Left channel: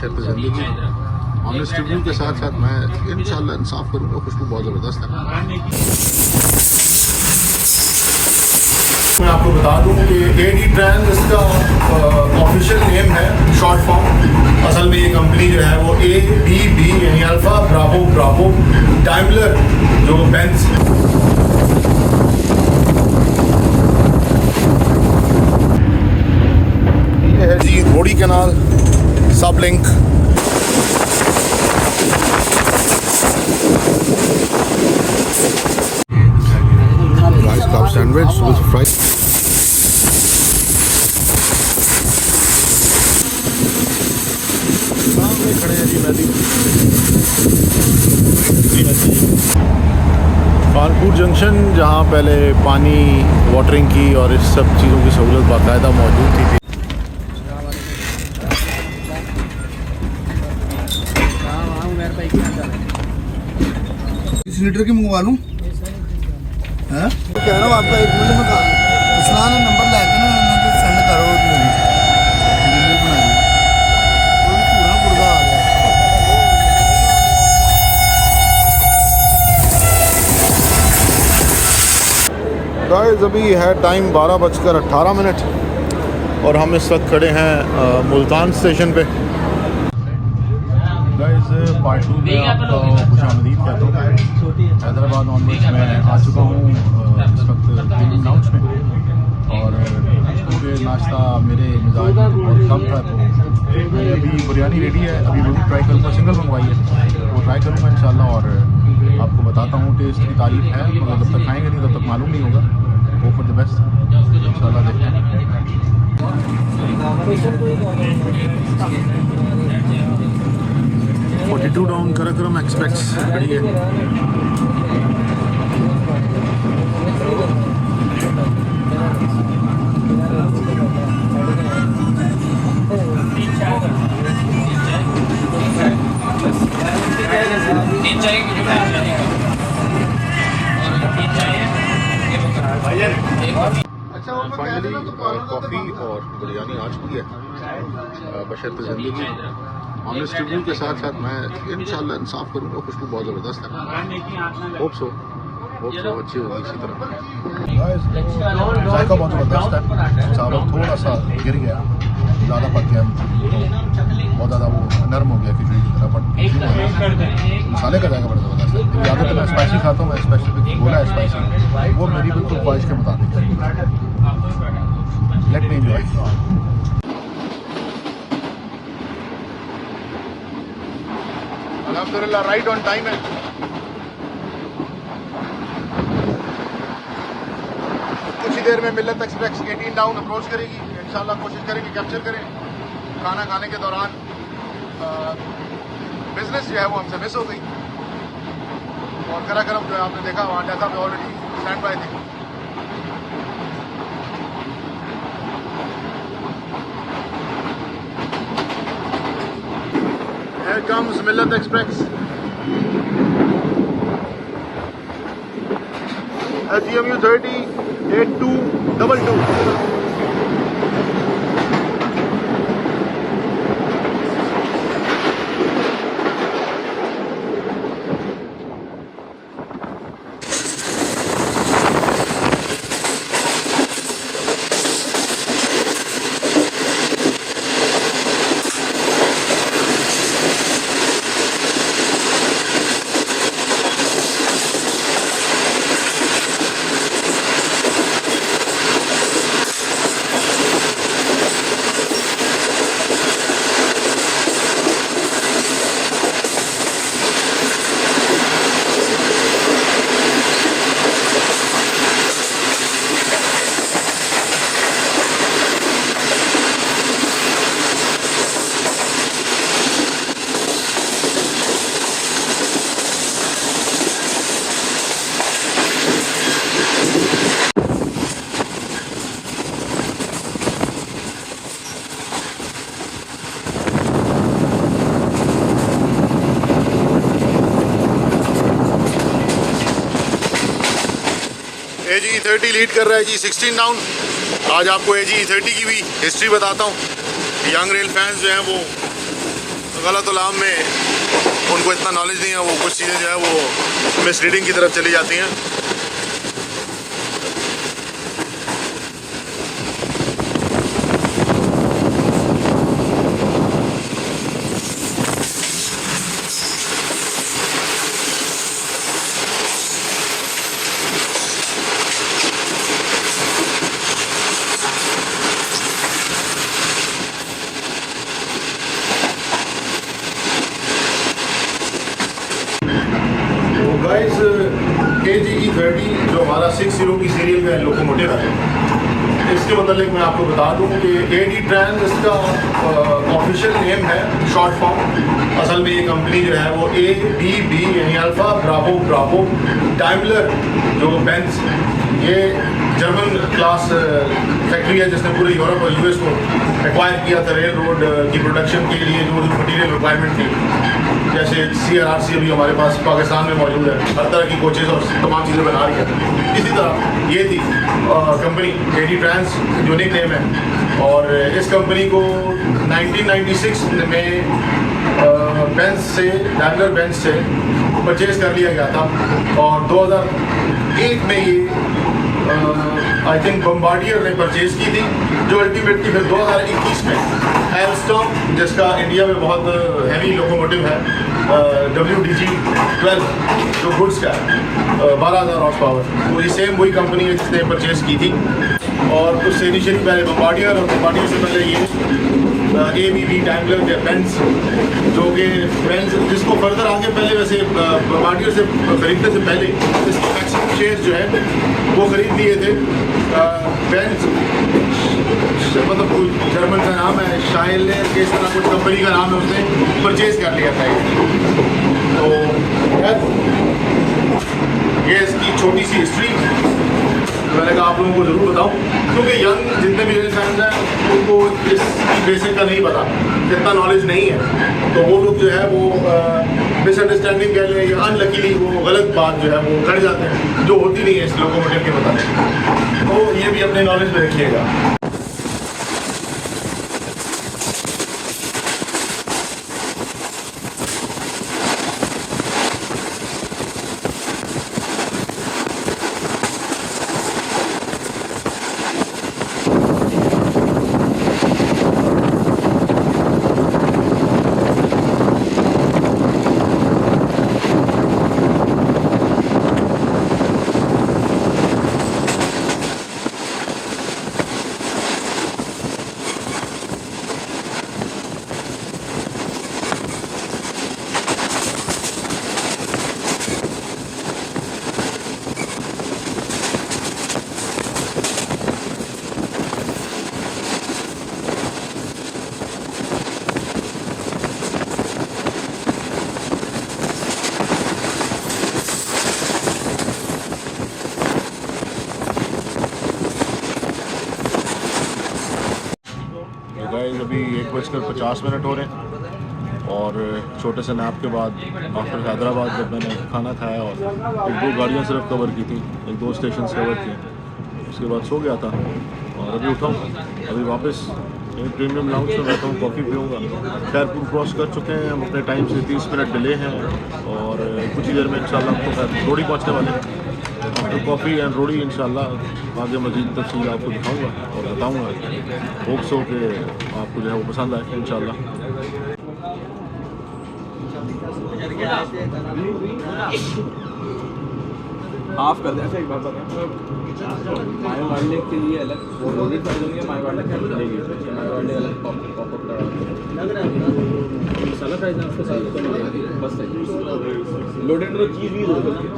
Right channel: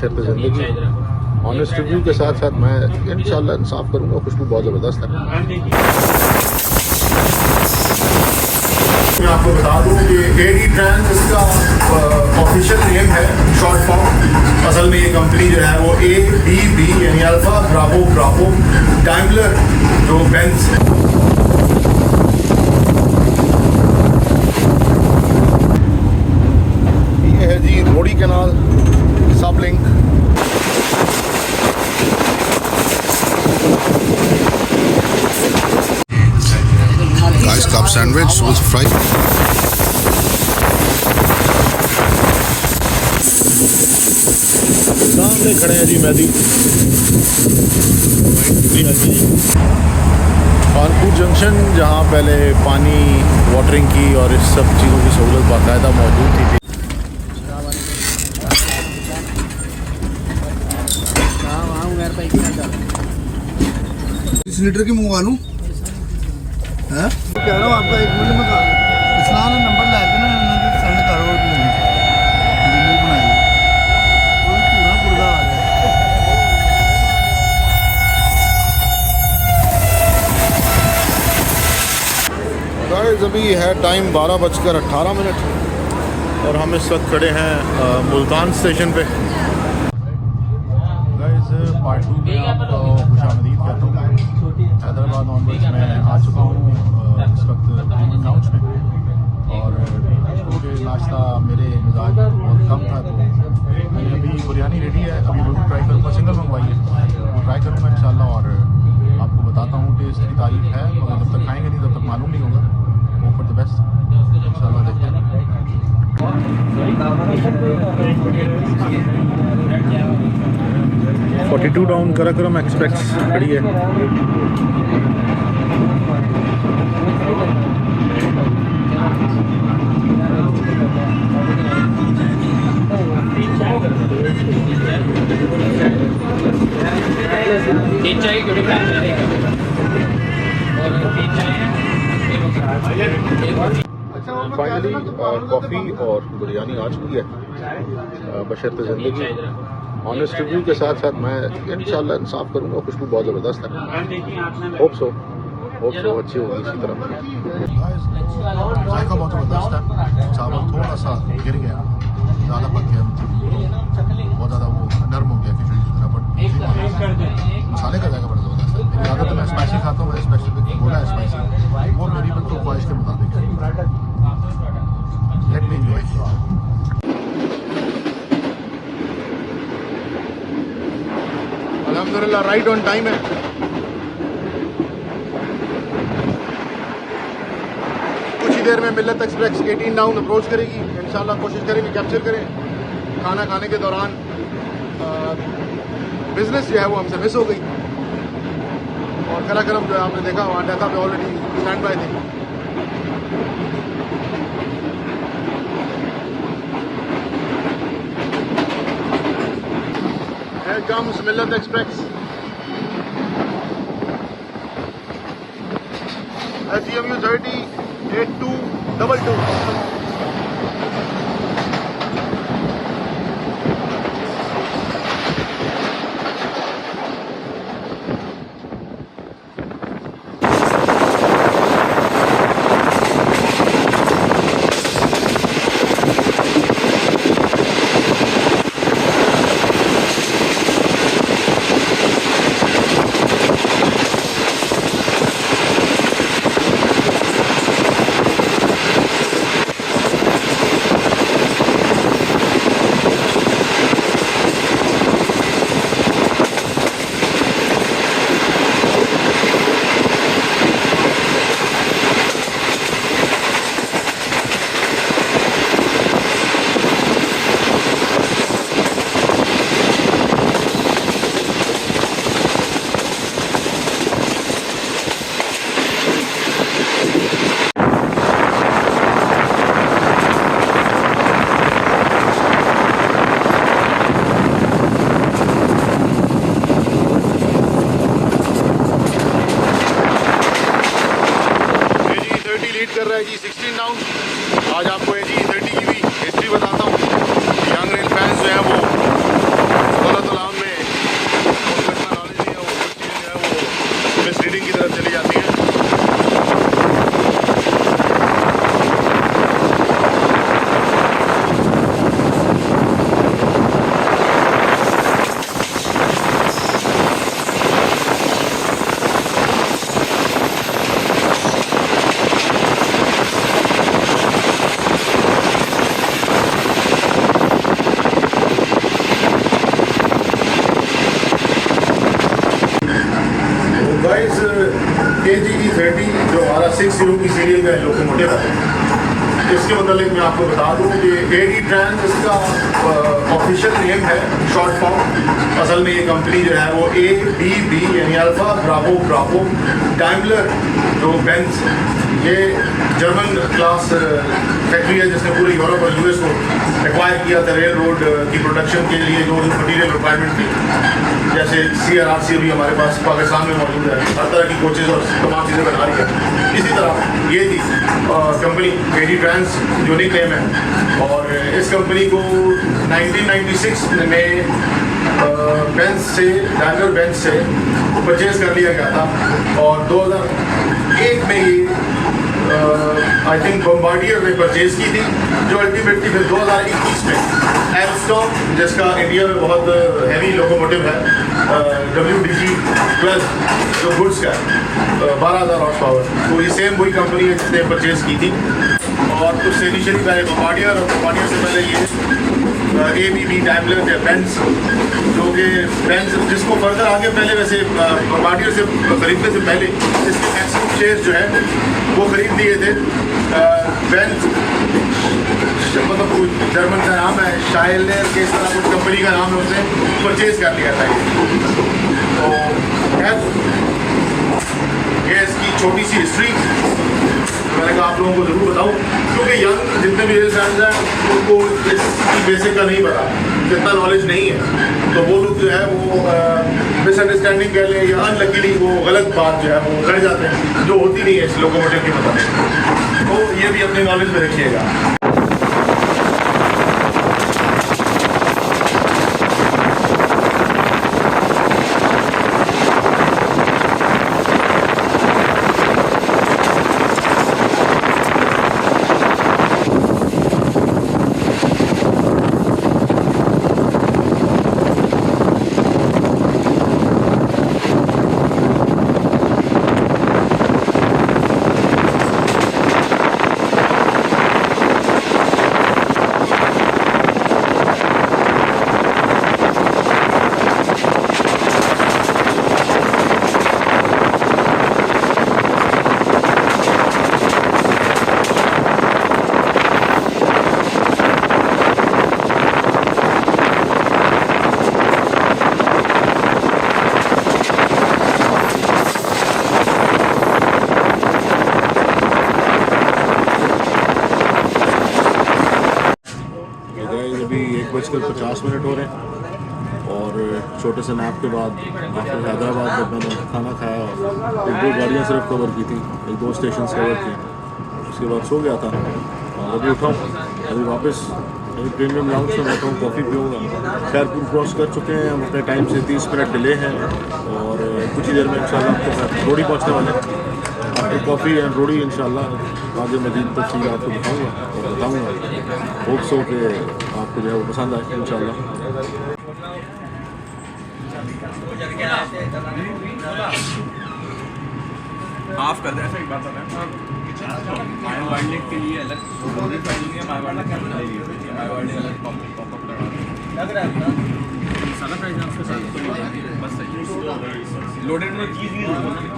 बशर्त ज़िंदगी। Honest review के साथ साथ मैं इंशाल्लाह इंसाफ करूँगा। खुशबू बहुत ज़बरदस्त है। मैं आपको बता दूं कि एडी ब्रांड इसका ऑफिशियल नेम है, शॉर्ट फॉर्म। असल में ये कंपनी जो है वो ABB यानी अल्फा ब्रावो डाइमलर जो बेंज ये है जी रोड़ी कैनाल सब link. Guys club sandwich with fried सामने खड़े हैं जी मैदी। कानपुर जंक्शन जहाँ पहले पानी वाटरिंग की और इस सब चीज़ों की सहूलत बाकायदा मौजूद थी। 20 लीटर की मंगवा लूँ है कह रहा हूँ आपका 1 मिनट में इस्लाम नंबर ला के ना सेंड करो डिलीवरी बना दी पूरा पुर्जा आ गया। गाइस अभी है टाइम 12:18 और हम इस वक्त खड़े हैं मुल्तान स्टेशन पे। गाइस पार्ट 2 में आपका खुशामदीद कहता हूँ। हैदराबाद ऑनवर्ड मैं आ चुका हूँ इस वक्त गेमिंग हाउस में और मुझे नाश्ता मेरे मिजाज में बहुत कम था तो मैंने अभी बिरयानी रेडी है। अभी वो भी ट्राई करूँगा, सिंगल मंगवाई है वो ट्राई करूँगा इंशाल्लाह और आपको बताता हूँ। टेस्ट की तारीफ है मगर जब तक खाएँगे नहीं तब तक मालूम नहीं होगा। होप फॉर द बेस्ट, इंशाल्लाह देखते हैं। 42 डाउन कराक्रम एक्सप्रेस खड़ी है। फाइनली कॉफ़ी और बिरयानी आ चुकी है बशर्त ज़िंदगी। ऑनेस्ट रिव्यू के साथ साथ मैं इंशाल्लाह इंसाफ करूँगा। खुशबू बहुत ज़बरदस्त है। होप सो अच्छी होगी इसी तरह। जायका बहुत ज़बरदस्त है। चावल थोड़ा सा गिर गया, ज़्यादा पक गया, बहुत ज़्यादा वो नरम हो गया खिचड़ी की तरह। बट मसाले का जायका बड़ा ज़बरदस्त है। ज़्यादातर मैं स्पाइसी खाता हूँ, मैं स्पेसिफिक बोला है स्पाइसी, वो मेरी बिल्कुल ख्वाहिश के मुताबिक है। Let me enjoy. अल्हम्दुलिल्लाह राइट ऑन टाइम है। कुछ ही देर में मिल्लत एक्सप्रेस 18 डाउन अप्रोच करेगी। इंशाल्लाह कोशिश करेंगे कैप्चर करें। खाना खाने के दौरान बिजनेस जो है वो हमसे मिस हो गई और कराक्रम जो है आपने देखा वहाँ जैसा पे ऑलरेडी स्टैंड बाय थे। मिल्लत एक्सप्रेस SGMU 30 8222। लीड कर रहा है जी 16 डाउन। आज आपको AG 30 की भी हिस्ट्री बताता हूँ। यंग रेल फैंस जो हैं वो गलतुलाम में उनको इतना नॉलेज नहीं है, वो कुछ चीज़ें जो है वो मिसरीडिंग की तरफ चली जाती हैं। गाइस KGE30 जो हमारा 60 की सीरियल का लोकोमोटिव है, इसके मतलब मैं आपको बता दूं कि AD ट्रांस इसका ऑफिशियल नेम है, शॉर्ट फॉर्म। असल में ये कंपनी जो है वो ABB यानी अल्फा ब्रावो ब्रावो डाइमलर जो बेंज, ये जर्मन क्लास फैक्ट्री है जिसने पूरे यूरोप और US को एक्वायर किया था रेल रोड की प्रोडक्शन के लिए। जो मटीरियल रिक्वायरमेंट थी, जैसे CRRC अभी हमारे पास पाकिस्तान में मौजूद है, हर तरह की कोचेज़ और तमाम चीज़ें बना रही है। इसी तरह ये थी company AD trans unique name है, और इस कंपनी को 1996 में बेंज से, डाइमलर बेंज से परचेज कर लिया गया था, और 2001 में ये आई थिंक बम्बार्डियर ने परचेज की थी, जो अल्टीमेटली फिर 2021 में एल्स्टॉम, जिसका इंडिया में बहुत हैवी लोकोमोटिव है, WDG12 जो गुड्स का है, 12,000 हॉर्स पावर, तो ये सेम वही कंपनी है जिसने परचेज की थी। और उससे इनिशियली पहले बम्बार्डियर, और बम्बार्डियर से पहले ये ABB डाइमलर या बेंज, जो कि बेंज जिसको फर्दर आगे पहले वैसे बम्बार्डियर से खरीदने से पहले इसके मैक्सिमम शेयर जो है वो खरीद दिए थे। बेंज मतलब कोई जर्मन का नाम है, शाइलर के इस तरह कुछ कंपनी का नाम है, उसने परचेज कर लिया था ये। तो ये इसकी छोटी सी हिस्ट्री मैंने कहा आप लोगों को ज़रूर बताऊं, क्योंकि यंग जितने भी रेल फैंस हैं उनको इस बेसिक का नहीं पता, कितना नॉलेज नहीं है, तो वो लोग जो है वो मिसअंडरस्टैंडिंग कह लें या अनलकीली वो गलत बात जो है वो कर जाते हैं, जो होती नहीं है इस लोकोमोटिव के मुताबिक। तो ये भी अपने नॉलेज में रखिएगा। अभी 1:50 हो रहे हैं, और छोटे से नैप के बाद आफ्टर हैदराबाद जब मैंने खाना खाया और 1-2 गाड़ियाँ सिर्फ कवर की थी, 1-2 स्टेशन कवर किए, उसके बाद सो गया था, और अभी उठाऊँ, अभी वापस प्रीमियम लाउंज में बैठा हूँ, कॉफ़ी पीऊँगा। खैरपुर क्रॉस कर चुके हैं हम, अपने टाइम से 30 मिनट डिले हैं, और कुछ ही देर में इंशाल्लाह आपको रोड़ी पहुँचने वाले हैं। आफ्टर कॉफ़ी एंड रोड़ी इंशाल्लाह आगे मज़ीद तफसील आपको दिखाऊँगा और बताऊँगा। होप सो कि आपको जो है वो पसंद आए इंशाल्लाह। हाफ कर दें ऐसा एक बात बताएं, माय वाइल्ड के लिए अलग लोडेड करेंगे, माय वाइल्ड के अंदर ले लीजिए, माय वाइल्ड अलग पॉप अप सारा प्राइस है उसके साथ तो नहीं, बस सही लोडेड में चीज़ भी होगी।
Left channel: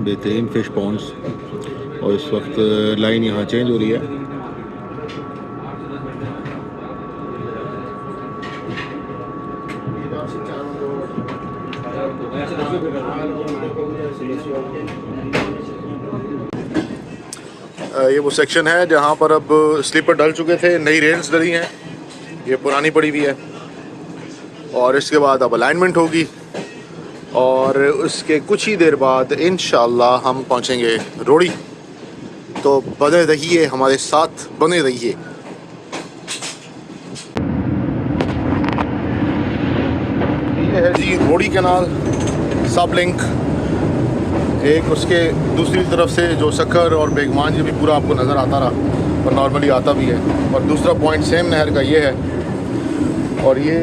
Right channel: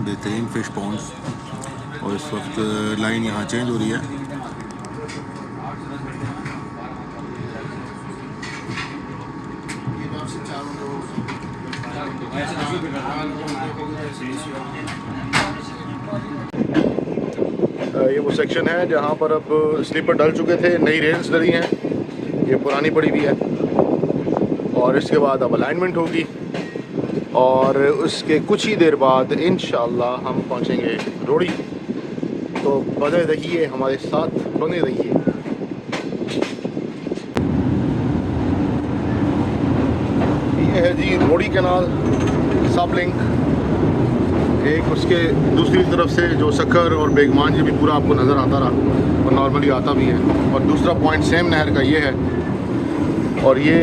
बेहतरीन फ़िश पॉन्ड्स, और इस वक्त लाइन यहाँ चेंज हो रही है। ये वो सेक्शन है जहाँ पर अब स्लीपर डल चुके थे, नई रेल्स डली हैं, ये पुरानी पड़ी हुई है। और इसके बाद अब अलाइनमेंट होगी और उसके कुछ ही देर बाद इंशाल्लाह हम पहुँचेंगे रोड़ी। तो बने रहिए हमारे साथ, बने रहिए। ये है जी रोड़ी कैनाल सब लिंक। एक उसके दूसरी तरफ से जो सक्कर और बेगमान ये भी पूरा आपको नज़र आता रहा और नॉर्मली आता भी है। और दूसरा पॉइंट सेम नहर का ये है। और ये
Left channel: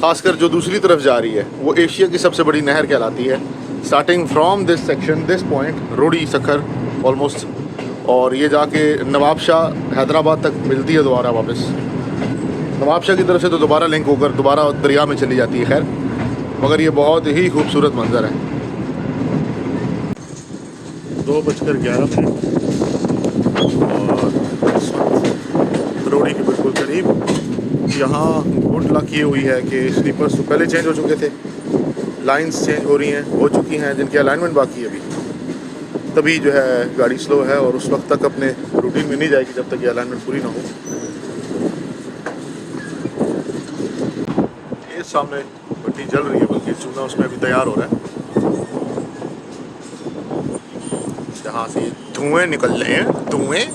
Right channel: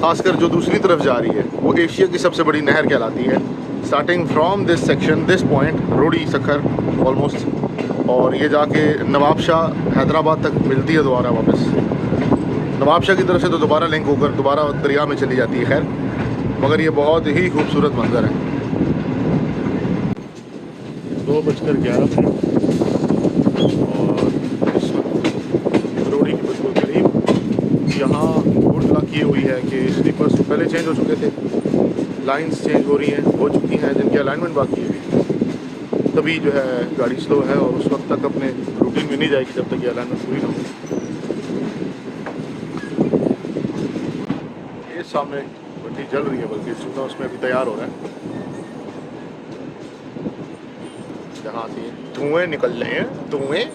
ख़ासकर जो दूसरी तरफ जा रही है वो एशिया की सबसे बड़ी नहर कहलाती है। Starting from this section, this point रोड़ी सक्कर ऑलमोस्ट, और ये जाके नवाब शाह हैदराबाद तक मिलती है दोबारा वापस। नवाब शाह की तरफ से तो दोबारा लिंक होकर दोबारा दरिया में चली जाती है। खैर, मगर ये बहुत ही खूबसूरत मंजर है। 2:11 और रोड़ी के बिल्कुल करीब यहाँ बोर्ड लगी की हुई है कि स्लीपर्स तो पहले चेंज हो चुके थे, लाइंस चेंज हो रही हैं, हो चुकी हैं, जिनकी अलाइनमेंट बाकी है। तभी जो है गाड़ी स्लो है और उस वक्त तक अपने रूटीन में नहीं जाएगी जब तक ये अलाइनमेंट पूरी ना हो। ये सामने भट्टी जल रही है, बल्कि चूना उसमें अभी तैयार हो रहा है, जहाँ से धुएं निकल रहे हैं, धुएं।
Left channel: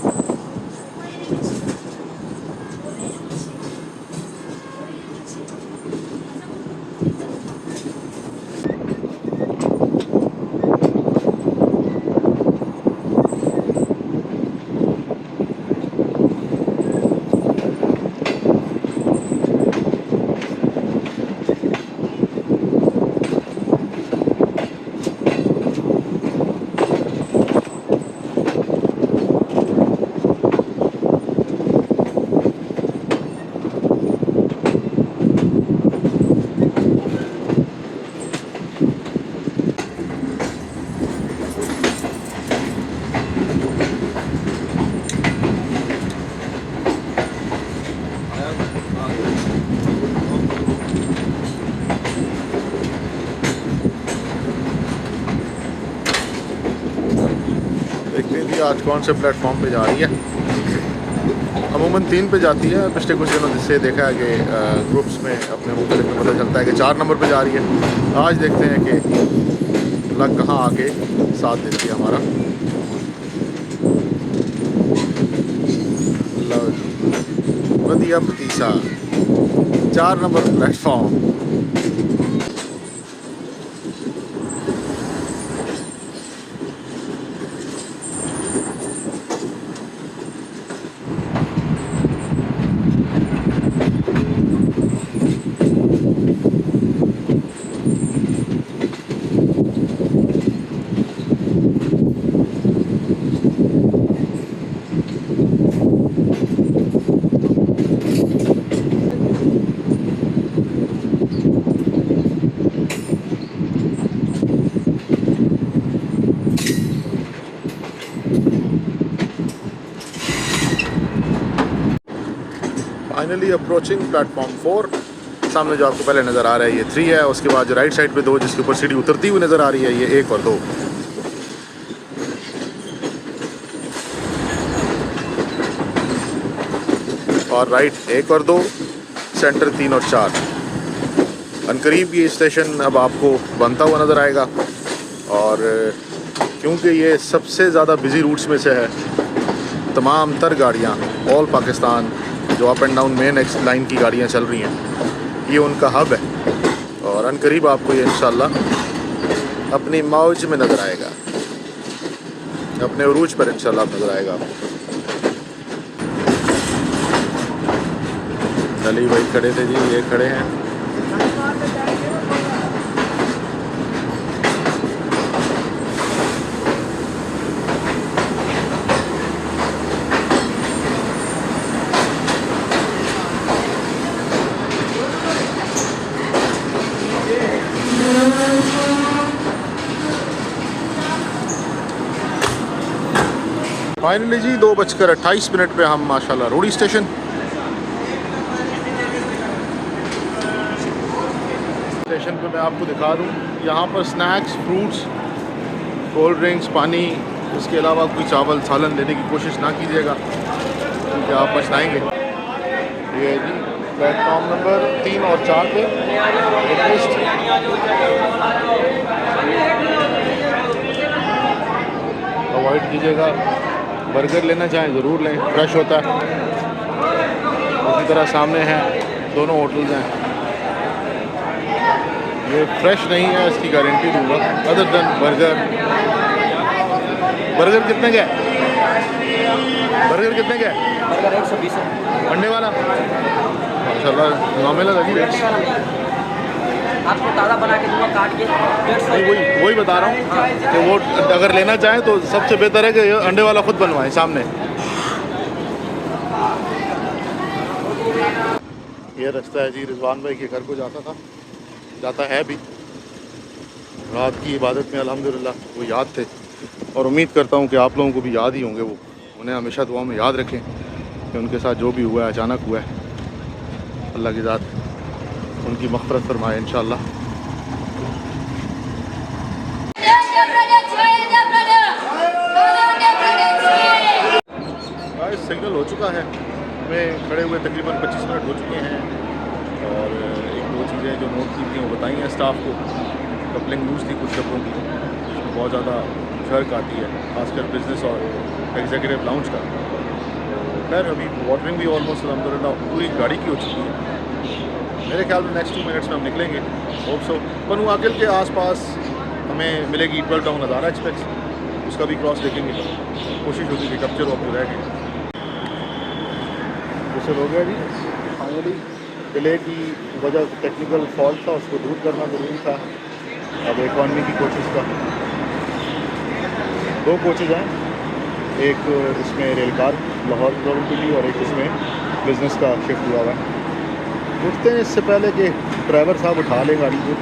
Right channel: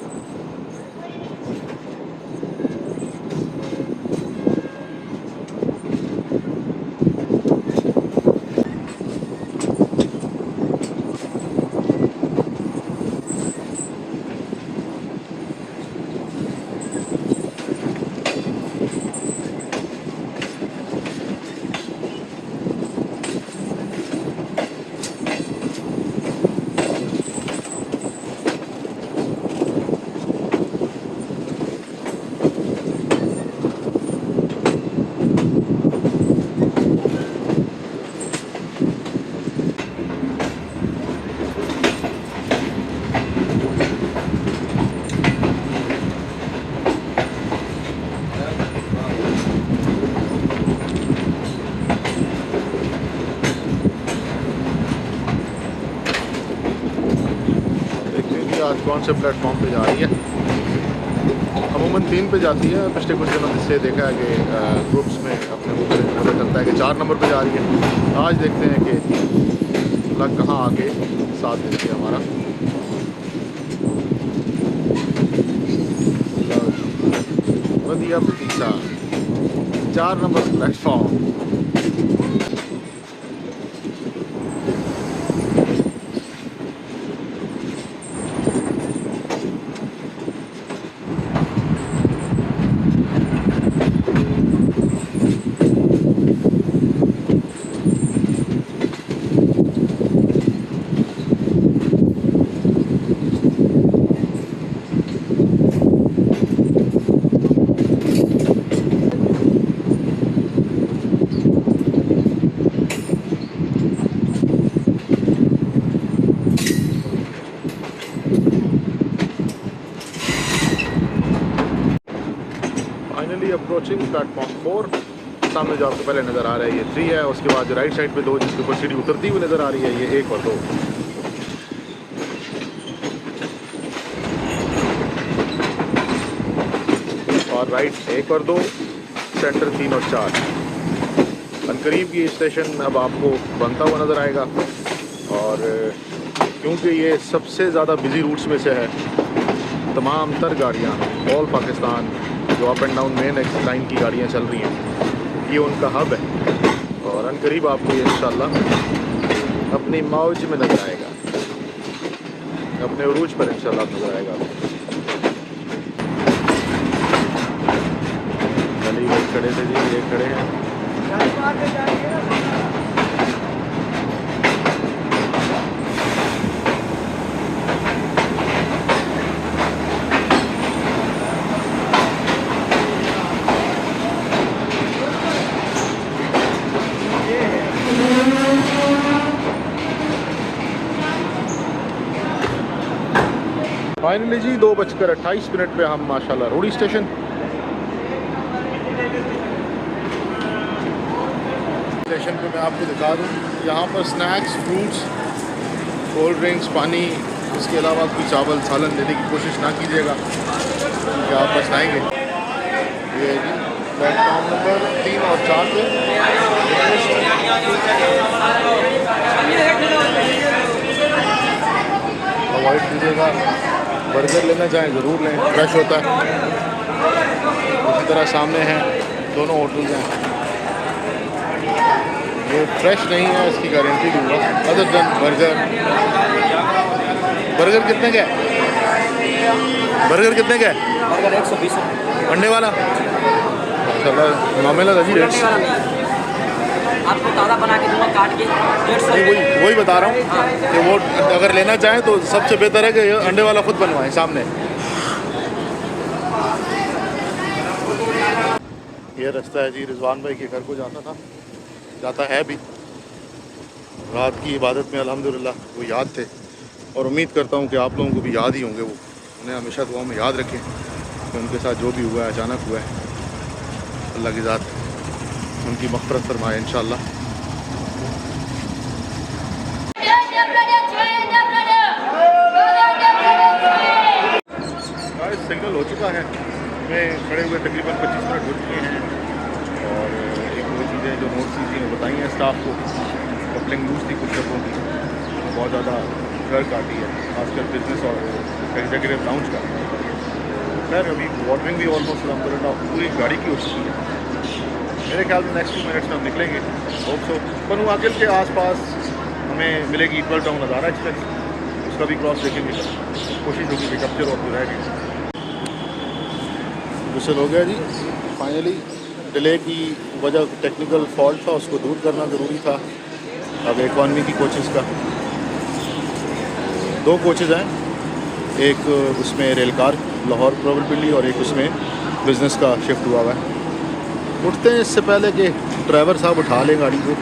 आज कौन से प्लेटफॉर्म पे जा रही है। अमूमन 3 पे जाती है, पिछले कुछ दिनों से देखा है कि ग्रुप्स में अपने मुझे पता चलता है कि 4 नंबर पे जा रही है। आज देखते हैं कि लग कहाँ आके साथ देती है हमारा। वधिया भतीसा 4 number platform. Finally approaching platform 4। सामने जो आपको पहले नज़र आ रहा है ये 3 है, उसके बाद जो राइट साइड पे 2 जिसके ऊपर सीढ़ी उतरती हुई नज़र आ रही है ये 1 और 2। और राइट 1 और 2, सेंटर 3 और 4। अनकरीब ये स्टेशन अब आपको बनता हुआ नज़र आएगा। और क्योंकि ये सबसे ज़्यादा बिजी रूट्स में से है, तमाम तर गाड़ियाँ ऑल पाकिस्तान जो up and down main x line की गाड़ियाँ चल रही हैं, ये उनका हब है। और अनकरीब आपको ये इंशाल्लाह अपनी मौज में नज़र आएगा, अपने उरूज पर इंशाल्लाह नज़र आएगा। अली भाई खड़े थे जी, ये खड़े हैं। फाइनली जी 2:28 पे हम माशाल्लाह रोड़ी स्टेशन पे मैं आपको दिखा दूँ यहाँ पर स्नैक्स, फ्रूट्स, कोल्ड ड्रिंक्स, पानी, इसके अलावा कोई चावल सालन लेने की कोशिश ना कीजिएगा क्योंकि आप पछताएंगे। ये है जी प्लेटफॉर्म नंबर 3 और 4 पे अवॉइड कीजिएगा। बर्गर लेना चाहें ज़रूर लें, फ्रेश होता है। उसी तरह सामने हैं दोनों होटल्स हैं, ये फ्रेश नहीं है इसकी गारंटी दूंगा। अदर देन बर्गर, बर्गर कितने का है? बर्गर कितने का है? बर्गर 120 अंडे वाला माशाल्लाह नॉमिनल है जी। आपको ताज़ा बना के दूंगा काट के 150। वही बता रहा हूँ हाँ। कि वो अगर लेना चाहें तो सबसे बेहतर है कि अंडे वाला खुद बनवाएं सामने। ये रास्ता है जी रिजवान भाई के घर को जाता है भी। रात की इबादत में अल्हम्दुलिल्लाह वो याद थे और उम्मीद करता हूँ कि आप लोगों को भी याद ही होंगे। वो उन्हें हमेशा दुआ में याद रखें कि उनके साथ जो भी हुआ है अचानक हुआ है। अल्लाह की ज़ात उनकी मग़फ़िरत फरमाए इंशाअल्लाह। सिग्नल हो चुका है, हमें खड़े हुए तकरीबन 25 मिनट हो चुके हैं और एक दो चीज़ें जो नोट की थी वो बताई हैं स्टाफ को। कपलिंग लूज थी कुछ डब्बों की, बहुत ज़्यादा गर्क आती है खासकर बिजनेस और एग्जीक्यूटिव लाउंज का। तो खैर अभी वाटरिंग भी ऑलमोस्ट अल्हम्दुलिल्लाह पूरी गाड़ी की हो चुकी है। मेरे ख्याल में नेक्स्ट 2 मिनट्स में हम निकलेंगे होप सो। बनु आकिल के आसपास हमें मिलेगी इक्वल टाउन नज़ारा एक्सप्रेस, उसका भी क्रॉस देखेंगे। कोशिश होगी कि कब्जे वक्त रहेगी। विशल हो गया जी फाइनली। डिले की वजह टेक्निकल फॉल्ट था, उसको दूर करना ज़रूरी था। अब इकॉनमी की कोचेज़ का 2 कोचेज़ हैं, एक उसमें रेलकार लाहौर प्रोबेबली और एक उसमें बिज़नेस का शिफ्ट हुआ हुआ है। उठते हैं इससे पहले कि ड्राइवर साहब उठा लें गाड़ी को।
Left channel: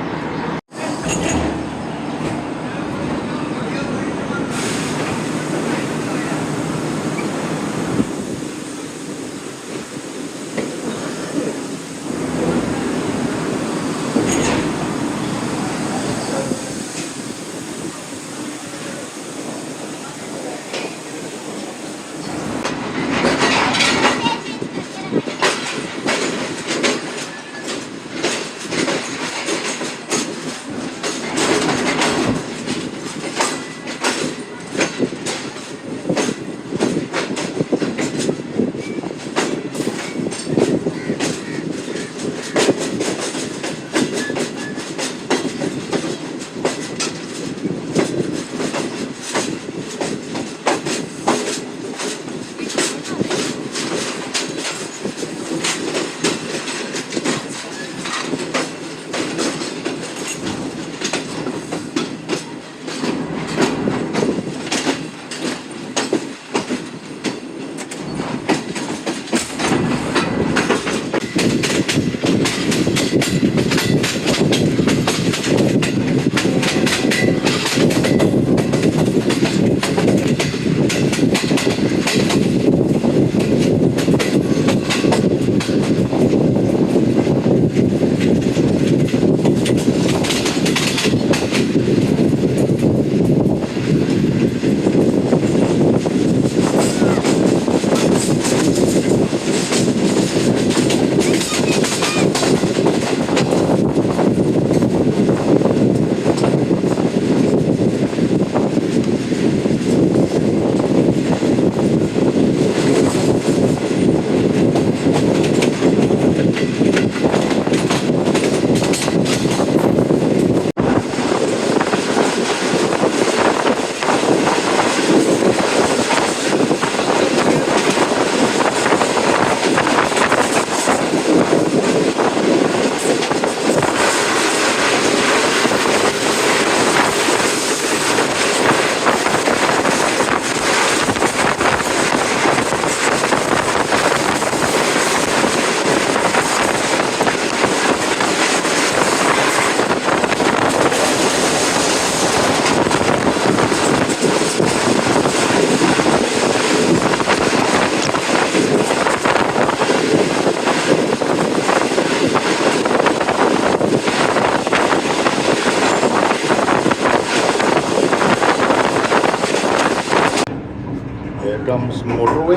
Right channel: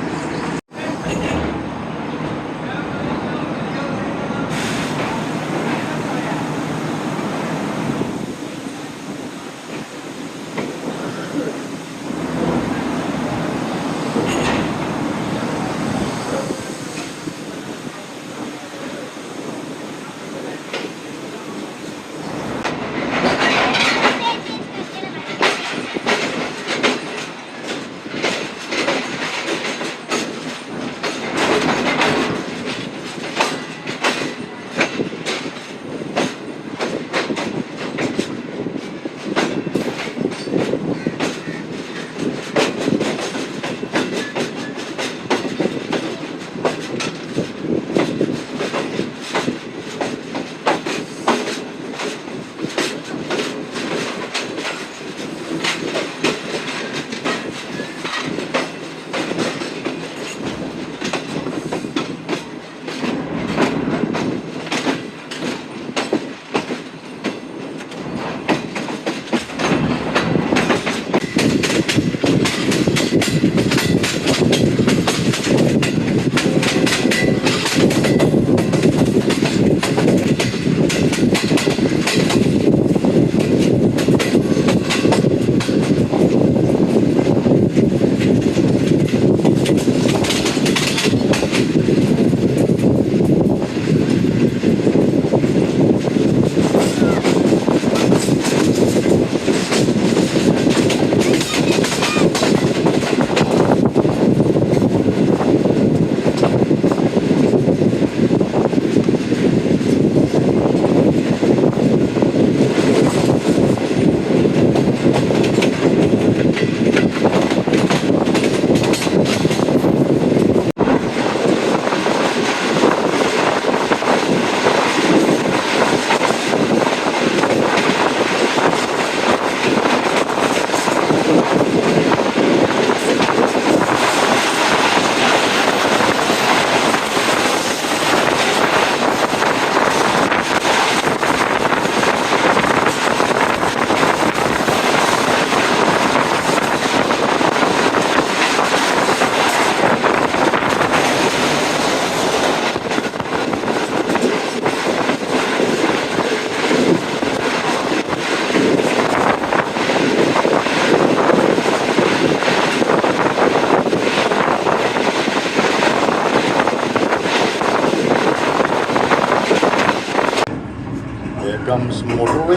कम्स मोटरवे,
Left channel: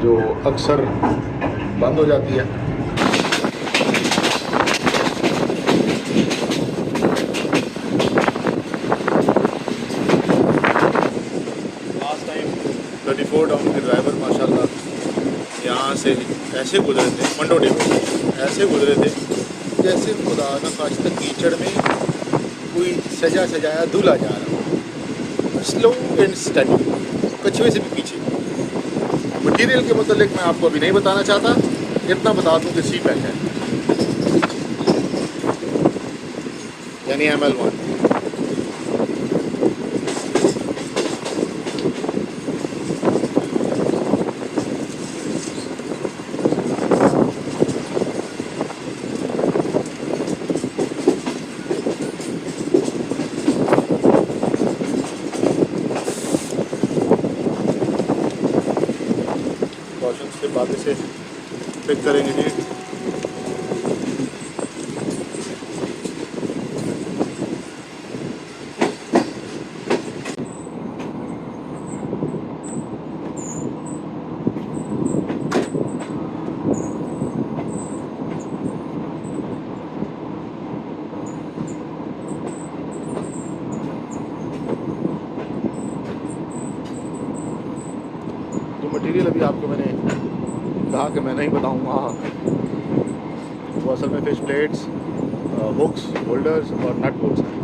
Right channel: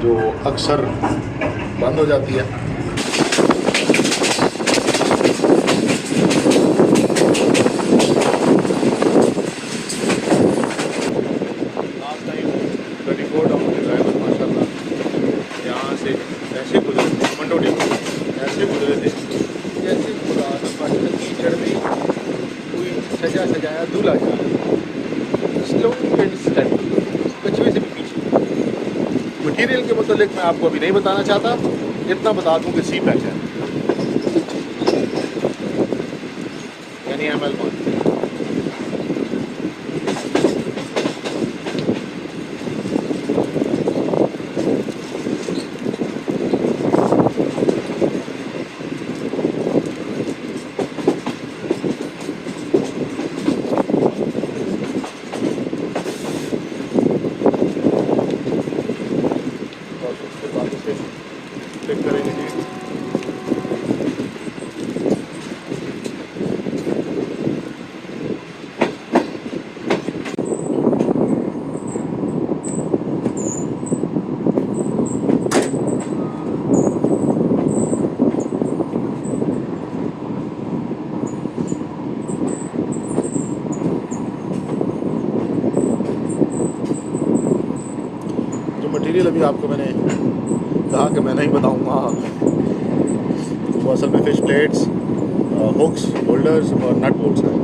जो अक्सर बंद हो जाती है। लास्ट टाइम 34 डाउन के ड्राइवर माशाल्लाह यहाँ से ऐसे गुजरे थे, मंडोडी ऐसे गुजरे थे जैसे खुदा न खास्ता कीचड़ में कोई सजा सजाया दूल्हा जा रहा है, स्लो एंड स्टेडी, कछुए से भी पीछे। मटीरियल के मतलब मैं आपको अभी नहीं बताना चाहता, इतना बता दूं कि सी पैक है यानी ML1। के बाद से पिक करेंगे नहीं। जो मटेरियल अभी आपको मैंने कहा कि मैं नहीं बताऊंगा, वो असल में फिश प्लेट्स, हुक्स, होल्डर्स और नट बोल्ट्स हैं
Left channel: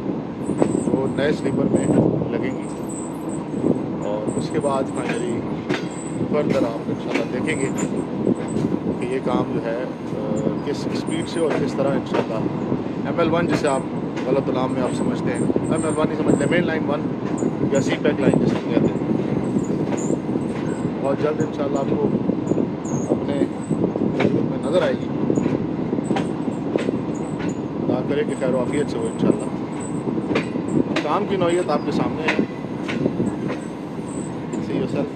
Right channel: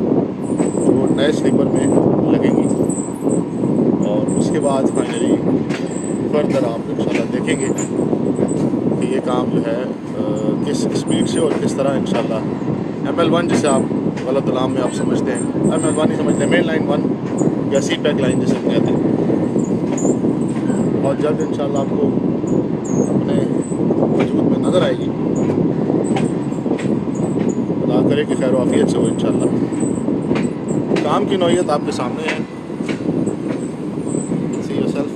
जो नए स्लीपर में लगेंगी। और उसके बाद फाइनली फर्दर आप इंशाल्लाह देखेंगे कि ये काम जो है किस स्पीड से और किस तरह इंशाल्लाह ML1 जिसे आप गलत नाम में आप समझते हैं, ML1 ही समझते हैं, मेन लाइन 1 या सी पैक लाइन जिसे हम कहते हैं। और जब इंशाल्लाह आपको अपने वजूद में नज़र आएगी, खुदा करे कि खैर वाफियत से हो इंशाल्लाह। काम की नौइयत आपके सामने है, सी योरसेल्फ।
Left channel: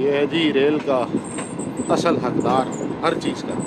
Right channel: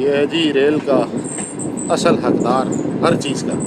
ये है जी रेल का असल हकदार हर चीज़ का।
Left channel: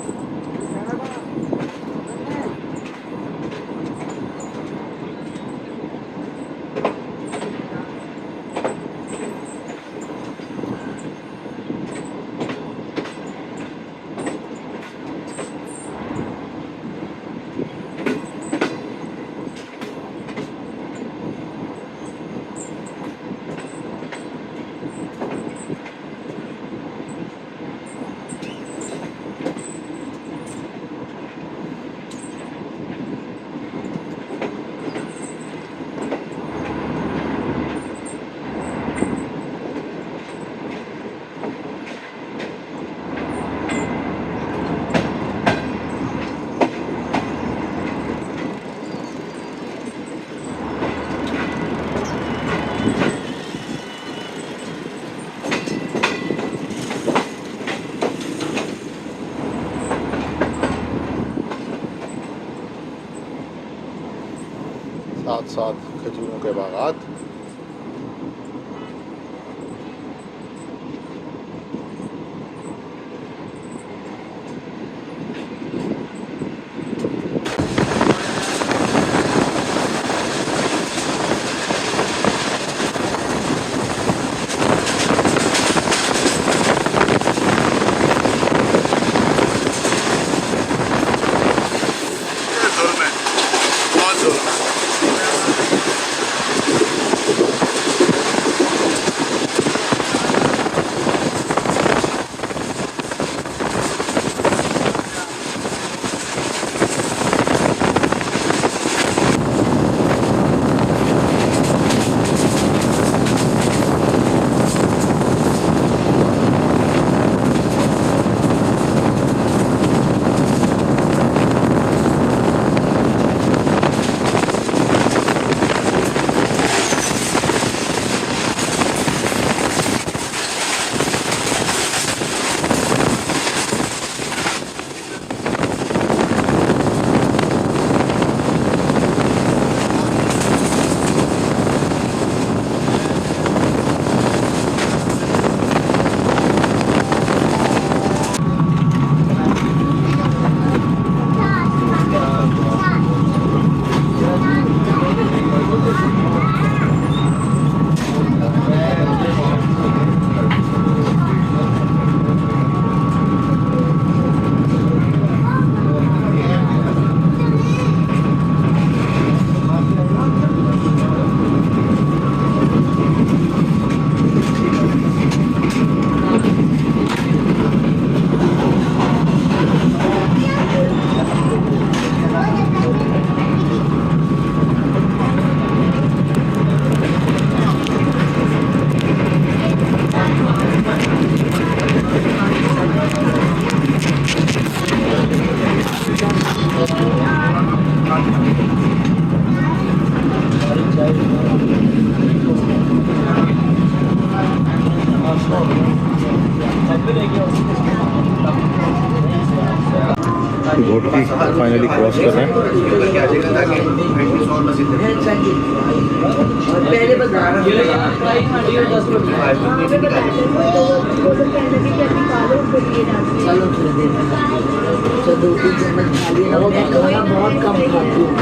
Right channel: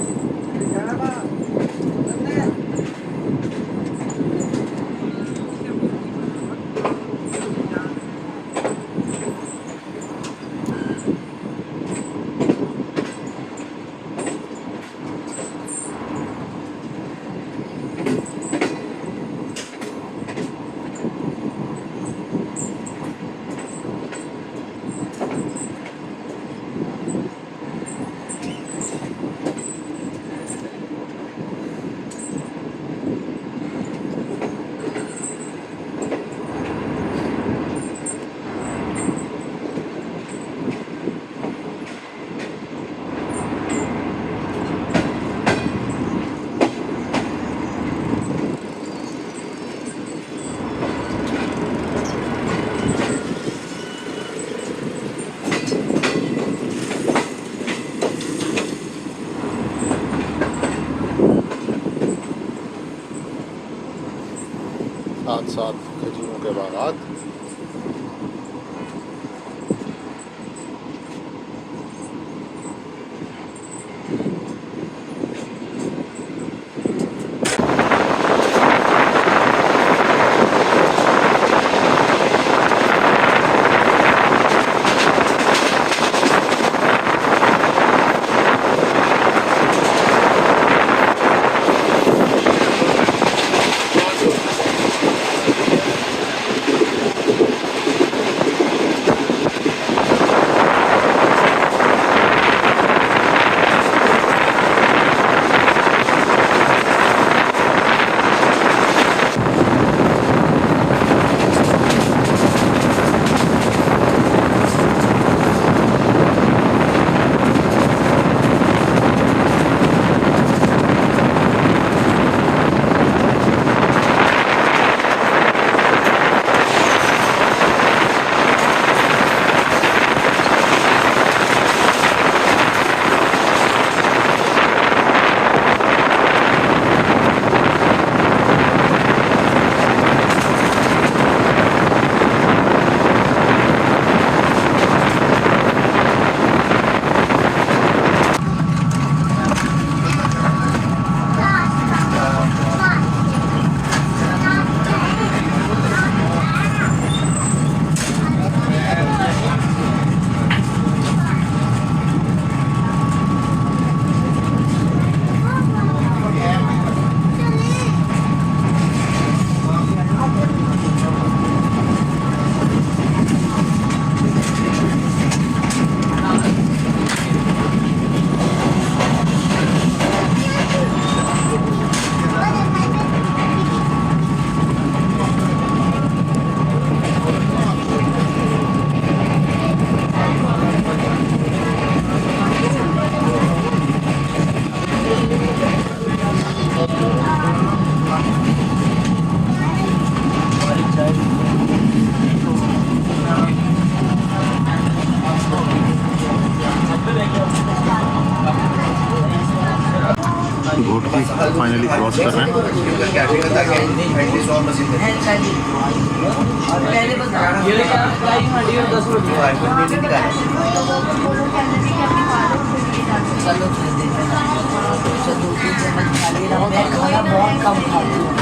साथ साथ खजूरों के बागात। सिटी फाइनली क्रॉस कर रहे हैं। पहले बता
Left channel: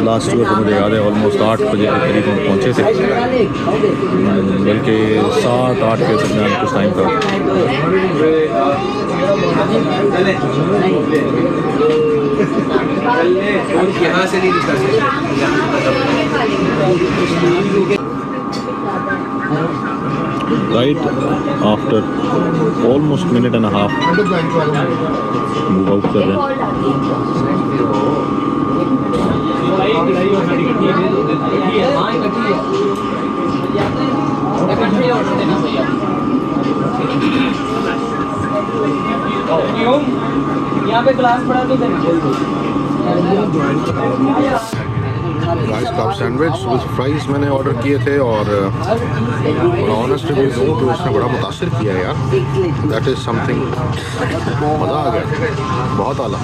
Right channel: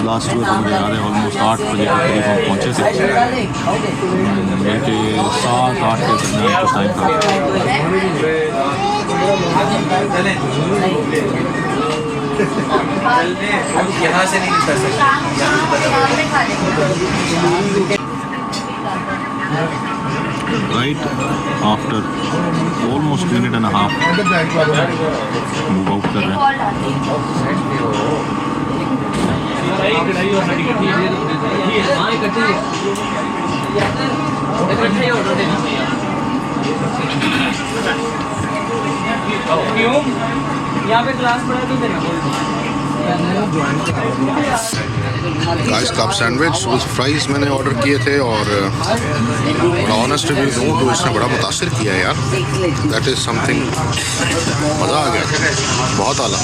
लास्ट ईयर तो मुझे याद है ऑलमोस्ट 8 बजे के करीब हम पहुँचे थे, बल्कि 7-8 के दरमियान कुछ टाइम था। यहाँ से नहीं निकल सकते। Right after almost minute and a half move out कर रहे हैं। यहाँ पे ग्लास पड़ा तो देना। Guys club sandwich with fries मैंने ऑर्डर किए थे और बड़ा ऑनेस्ट रिव्यू दूँ तो इसने बड़ा मुतासिर किया है यार। दैट इज़ समथिंग, मज़ा आ गया, बहुत आला।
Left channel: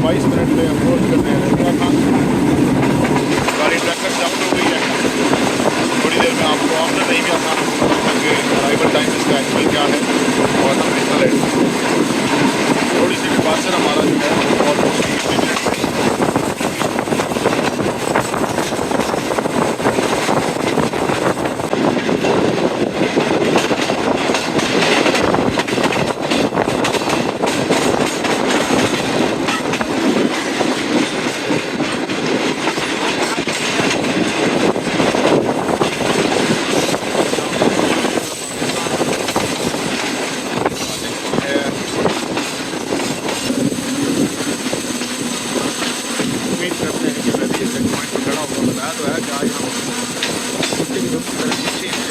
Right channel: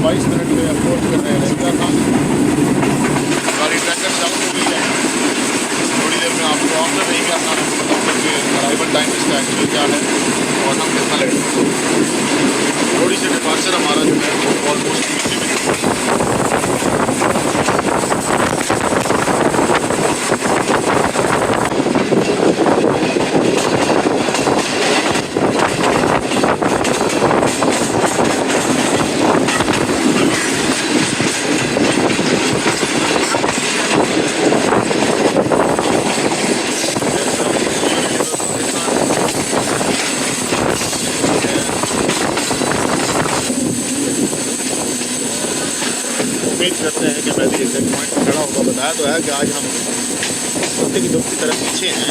22 मिनट में अप्रोच कर रहे हैं रहीगा खान। गाड़ी ट्रैकर डाउन हो गई है। थोड़ी देर में आपको आफ्टर रहीगा खान आपको बताऊँगा कि अराइवल टाइम इसका एक्चुअल क्या है और हम कितना लेट हैं। थोड़ी सी डिपार्चर हमारा जो है वो ऑलमोस्ट 20 मिनट करते हैं कि मैं भी चेक पॉइंट खड़ा होगा। बताया तो है कि आज हम कुत्ते की तरफ पीछे हैं।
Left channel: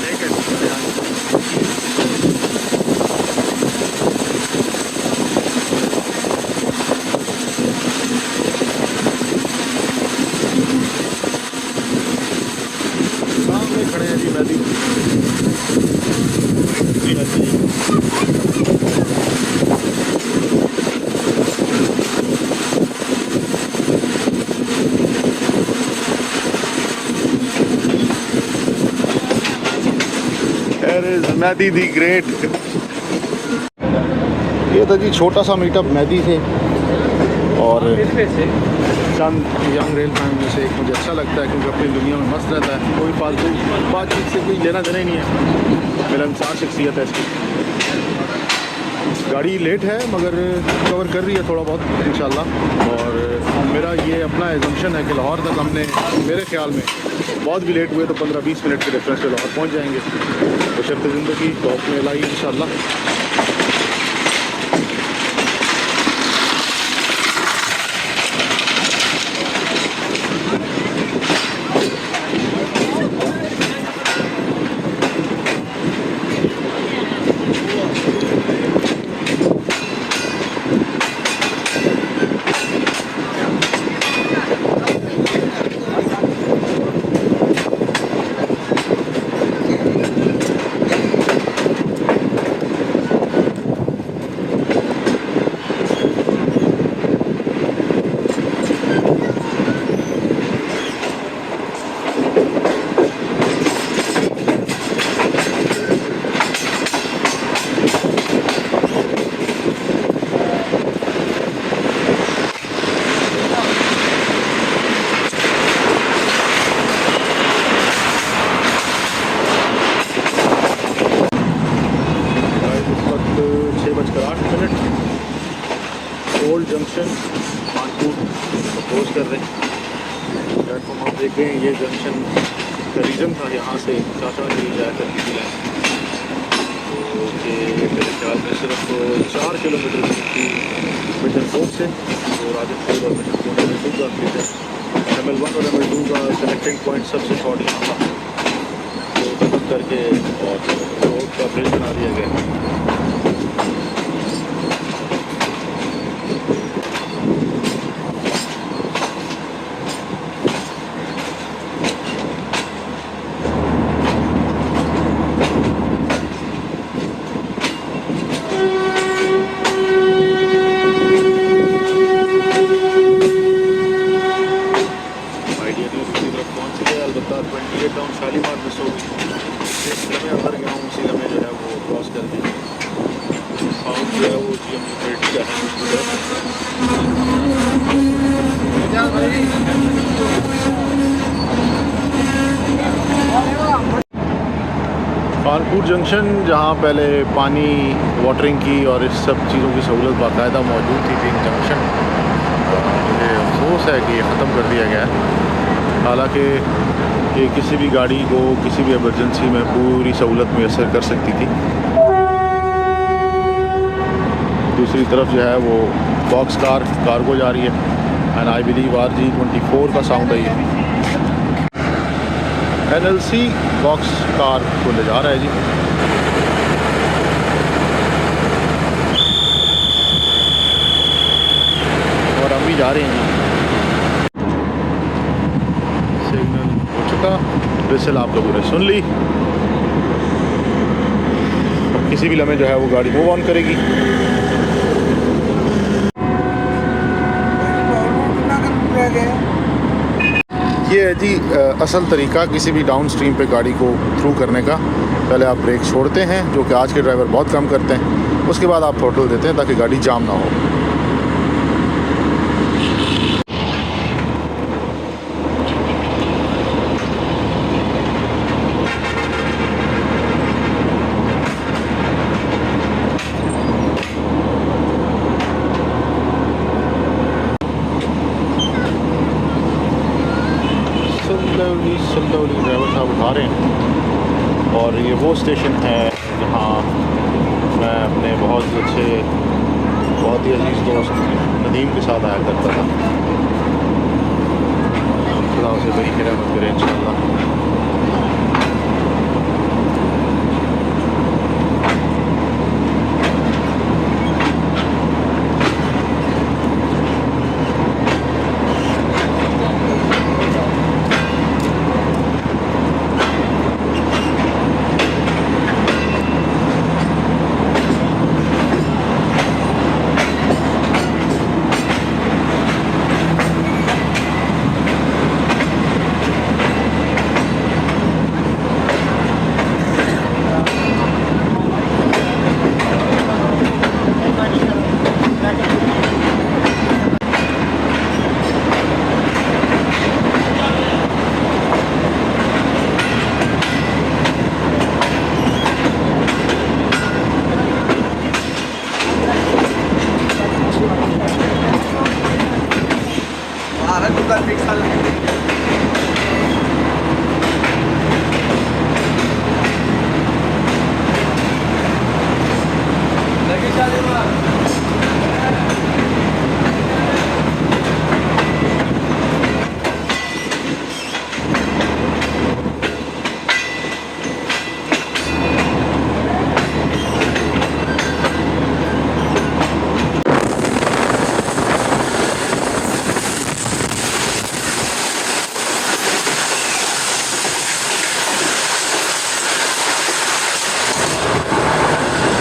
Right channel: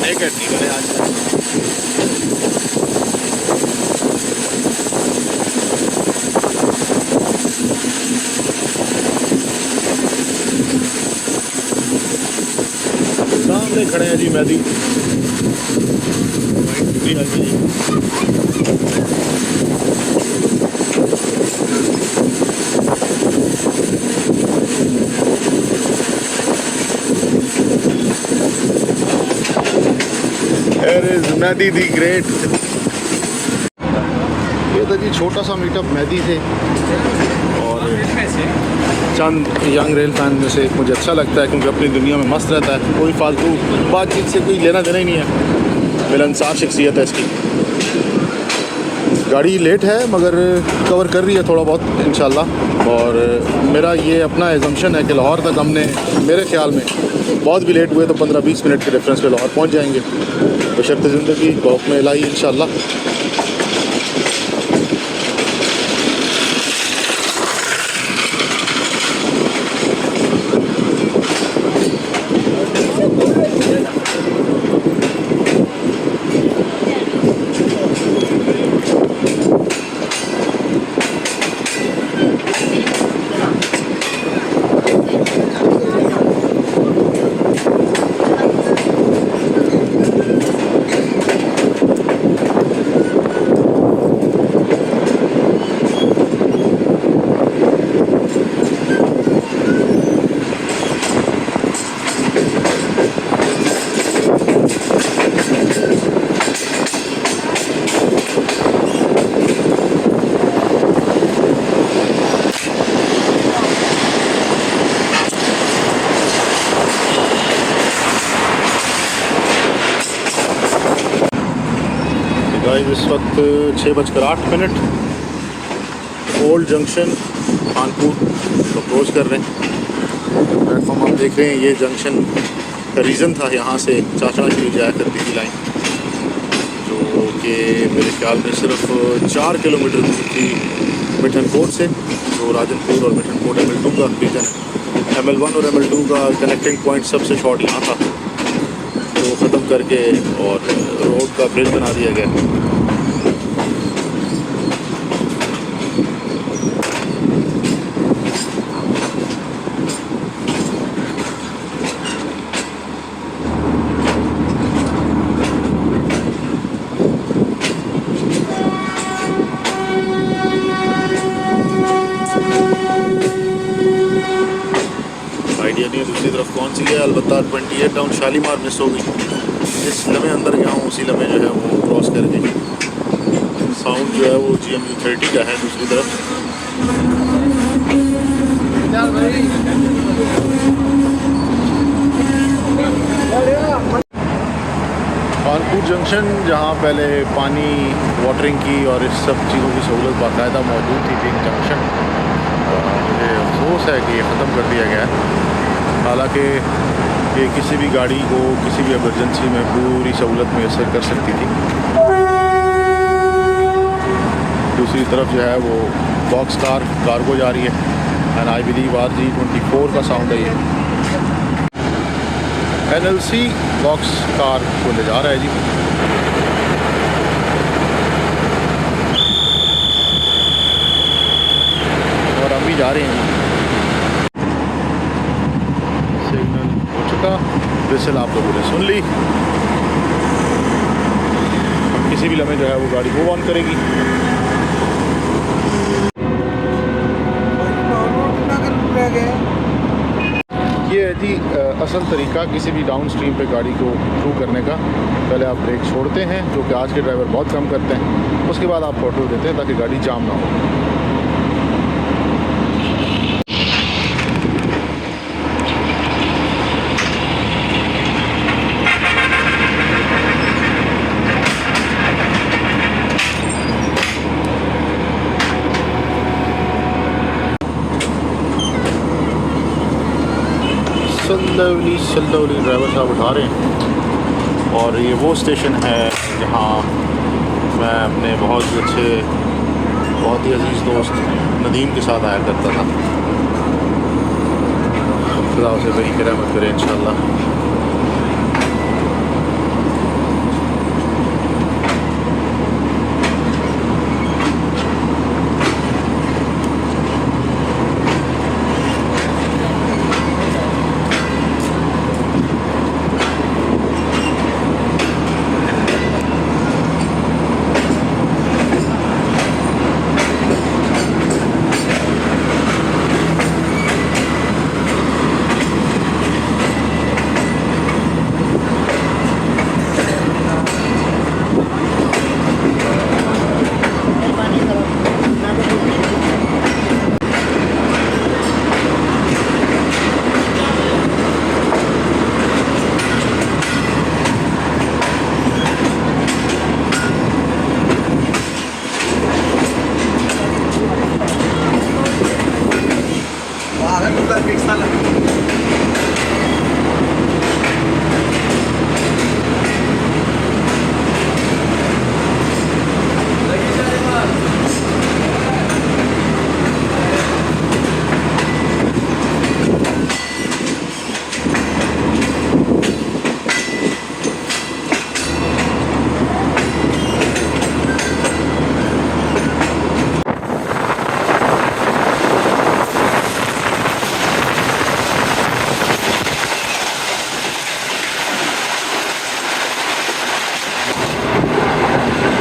नहीं करती मेरे हाथ सामने खड़े हैं जी मैदी। मैदी दी ग्रेट। ये था जी छोटा सा मीटअप मैदी से और चंद यंग रेल फैन में से मुझे अच्छा लगता है क्योंकि अपनी दुनिया में मस्त रहता है। कोई फालतू बातचीत से कोई लेना देना ही नहीं है। मिलनसार शख्सियत है इसकी। गाड़ी लेट है मगर कवर कर रही है थोड़ा बहुत इंशाल्लाह। और मेरा ये अपना एजम्पशन है कि लाहौर तक हमने मेरे ख्याल में बहुत भी लेट हुए तो 15-20 मिनट के डिफरेंस पे लाहौर पहुंच जाएंगे बशर्ते ज़िंदगी गौफ में लाई इंशाल्लाह। इस वक्त 6:08 ओल्ड जंक्शन कानपुर अप्रोच कर रहे हैं। प्लेटफॉर्म आप देख रहे हैं ये जंक्शन का रीज़न था यहाँ से चाचा की जाया करती थी लाइन जो कि मेरे ख्याल में सिर्फ 4 किलोमीटर दूर थी मिठनकोट से। तो राजनपुर और मिठनकोट ML2 का रीजन ML1 और ML2 का कनेक्टिंग पॉइंट सबसे शॉर्ट यहाँ था तो ख़त्म करके और रोड का ब्रिज बना दिया गया। अलबत्ता 28 डाउन शालीमार मिस हो गई। जिस लम्हे अंदर गया हूँ उसी लम्हे जो है वो क्रॉस कर दी। साउंड जो है वो GMU 30 का है दूसरी तरफ। कानपुर जंक्शन जहाँ पहले पानी वाटरिंग की और इस सब चीज़ों की सहूलत बाकायदा मौजूद थी तीन जंक्शन, मुझे अफसोस है कि ये ख़त्म कर दिया गया है। हालांकि ये किसी भी गाड़ी को किसी भी एमरजेंसी में पूरी सहूलत मैसर कर सकती थी। दूसरी तरफ जो है वो बॉक्स कार कार्गो जा रही है एंड आई बिलीव RG24 का साउंड है ये। NLC बॉक्स कार को ले जा रहा है जी। और हम भी जा रहे हैं जी। सिग्नल हो चुका, विसल आप लोगों ने सुन ली। अब किसी भी लम्हे जो है वो गाड़ी मूव ऑन करेगी। असल तरीका किसी भी डाउन स्ट्रीम पे गाड़ी को थ्रू करने का। पहले आप ब्रेक छोड़ते हैं, जो कि आज के ड्राइवर बहुत कम करते हैं, उसके बाद आप थ्रोटल देते हैं ताकि गाड़ी जाम ना हो। स्लोली ड्राइवर साहब उठा रहे हैं और ये वो स्टेशन है जहाँ मैं अपने बहुत ही अच्छे, बहुत ही अजीज़ दोस्त नदीम के साथ आया करता था। खुदा उसे बड़ी रहमत करे इंशाल्लाह।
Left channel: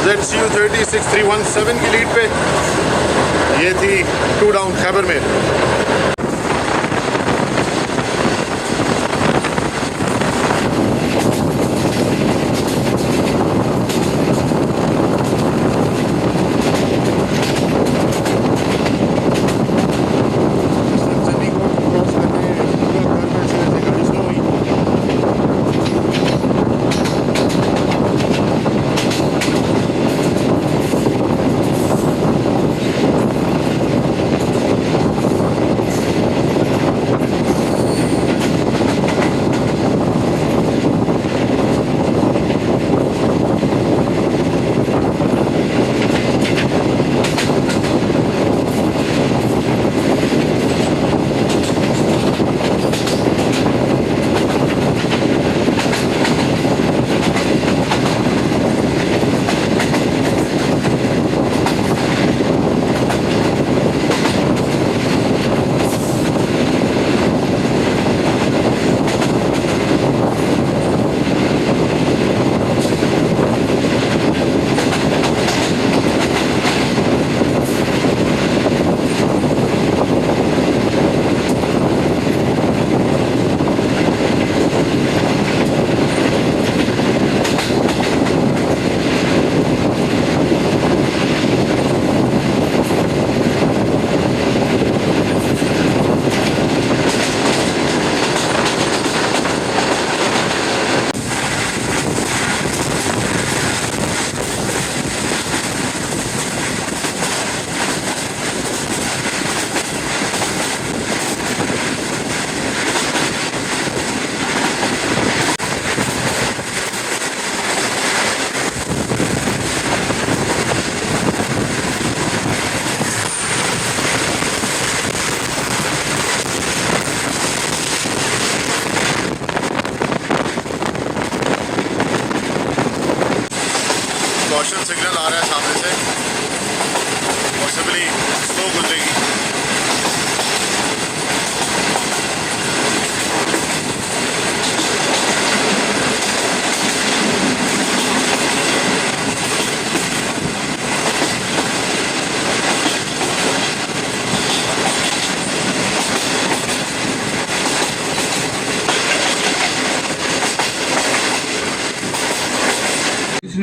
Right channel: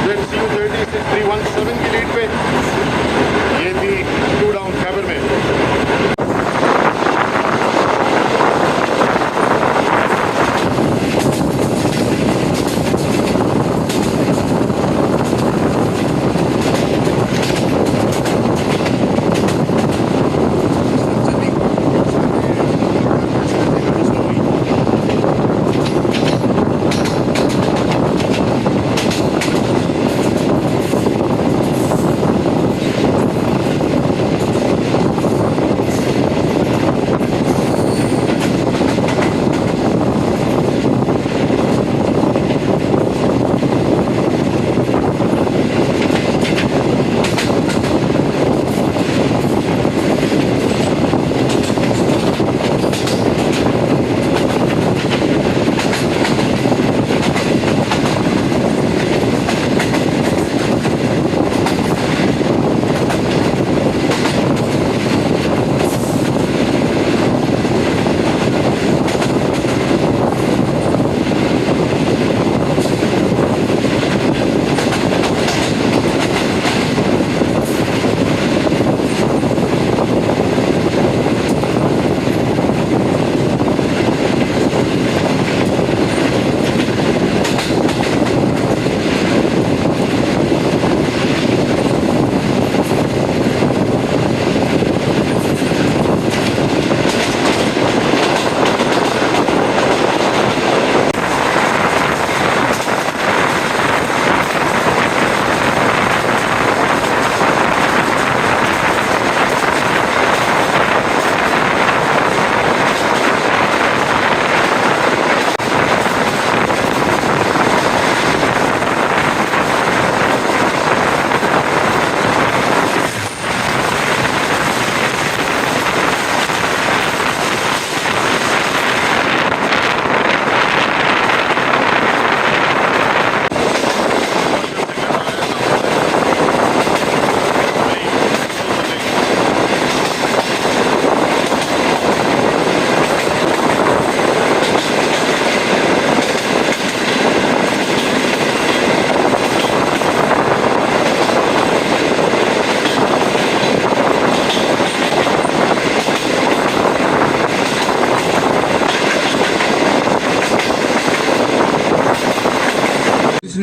ZCU 36317 की लीड पे ये थी 2 डाउन खैबर में।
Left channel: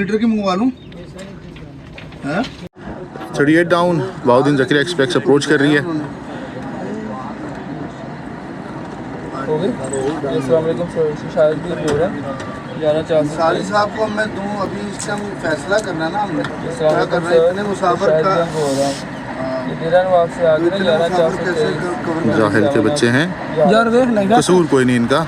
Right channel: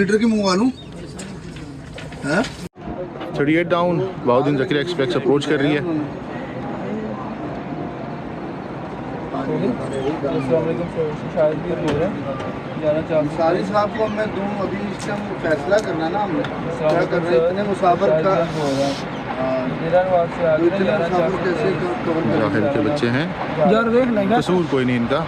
लीटर की मंगवा लूँ है 38 down Bahauddin Zakir express approach कर रही है। साली साहब को मैं दूँ अभी इसका फैसला करना ना हमने क्या करना है इतने मुसाफिर का जाहिल के बच्चे हैं यार देख लेंगे कसूर कोई नहीं इनका।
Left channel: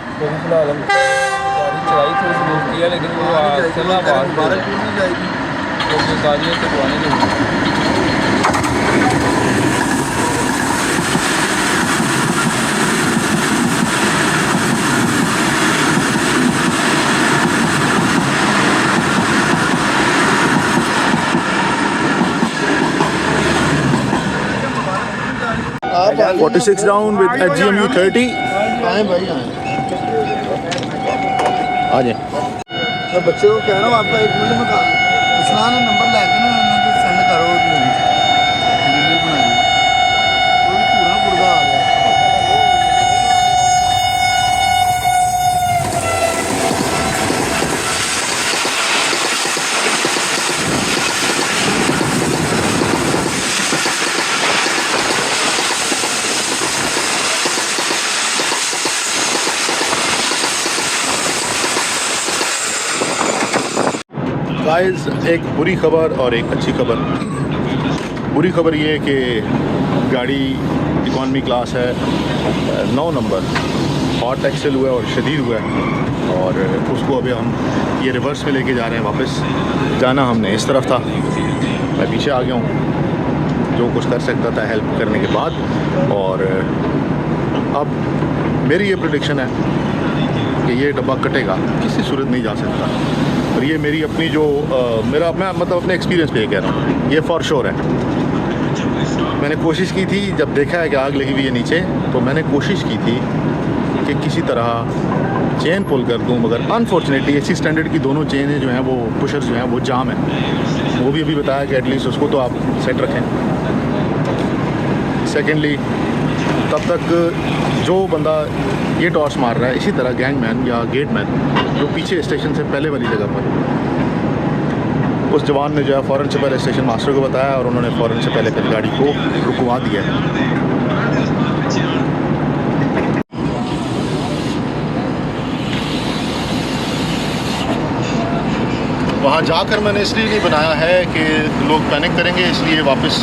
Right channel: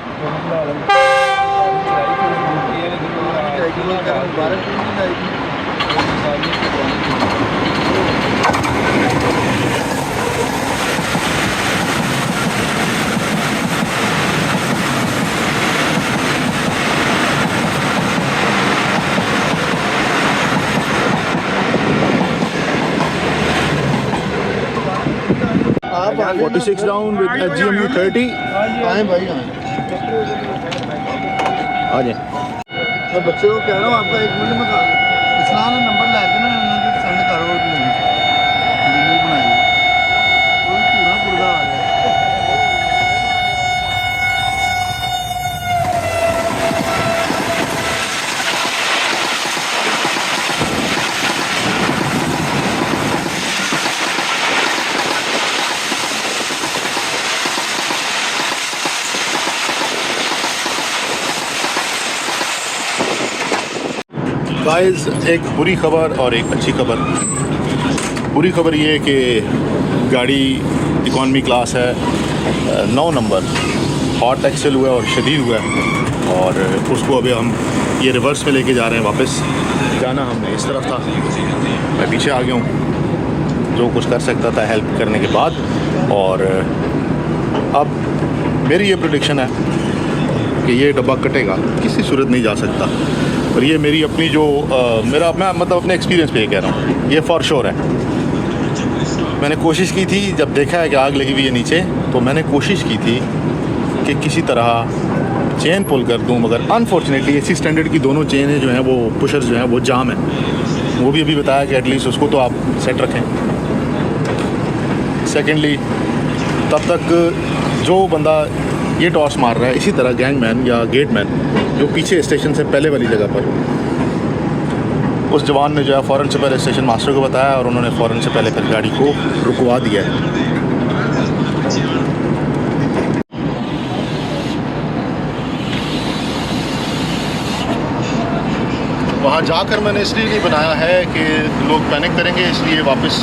आप 46 डाउन विद HGMU 30 आए भाई आए आ जाए। मैं बच्चे को कह रहा हूँ आपका 1 मिनट में इस्लान नंबर ला के ना सेंड करो वीडियो बनाई पूरा पुर्जा आ गया। गाइस एक बुरी खबर और एक अच्छी खबर। बुरी खबर ये है कि गाड़ी इकॉनमी क्लास है, 9 नंबर हॉट एक्सेल हुआ है और शदीद हुआ है और उसको अभी हम ये रिवर्स में लेके जा रहे हैं वापस। जाना हमने इस तरफ था, मैं पीछे आ गया हूँ जो कुछ कर सकता था हेल्प करने के बाद। और अब मेरी ये प्रेडिक्शन है कि ये डब्बा कटेगा, किसी सूरत नहीं जा सकता। और ये मेरी अपनी जो मेरा मैं मतलब अपने एक्सपीरियंस पे ये कह रहा हूँ, ये फॉर श्योर है। मैंने कोशिश की थी जब देखा है कि आग लगी हुई है नीचे, तो मैंने कोशिश की थी कि किसी तरह चेन पुल कर दूँ, मगर अनफॉर्चुनेटली एसी स्टैंडर्ड की दोनों चेनें जो हैं वो पुशर्स जो हैं वो जाम है। वो भी अभी बताया कि एटलीस्ट उसको तो आप सेट रखें। सेकेंडली तब तक जो बंदा ये टॉर्च मार रहा है, इसी तरह गैंगमैन या गेटमैन जो पीछे स्टेशन से पहले वाली जगह पर, उस जवान ने जो है फ़ौरन से पहले स्टेशन मास्टर को बताया और उन्होंने फ़ौरन से पहले फिर गाड़ी को रुकवा दिया है। वहाँ जाकर मैंने इसलिए नहीं बनाया है कि लोग पैनिक करेंगे, इसलिए वापस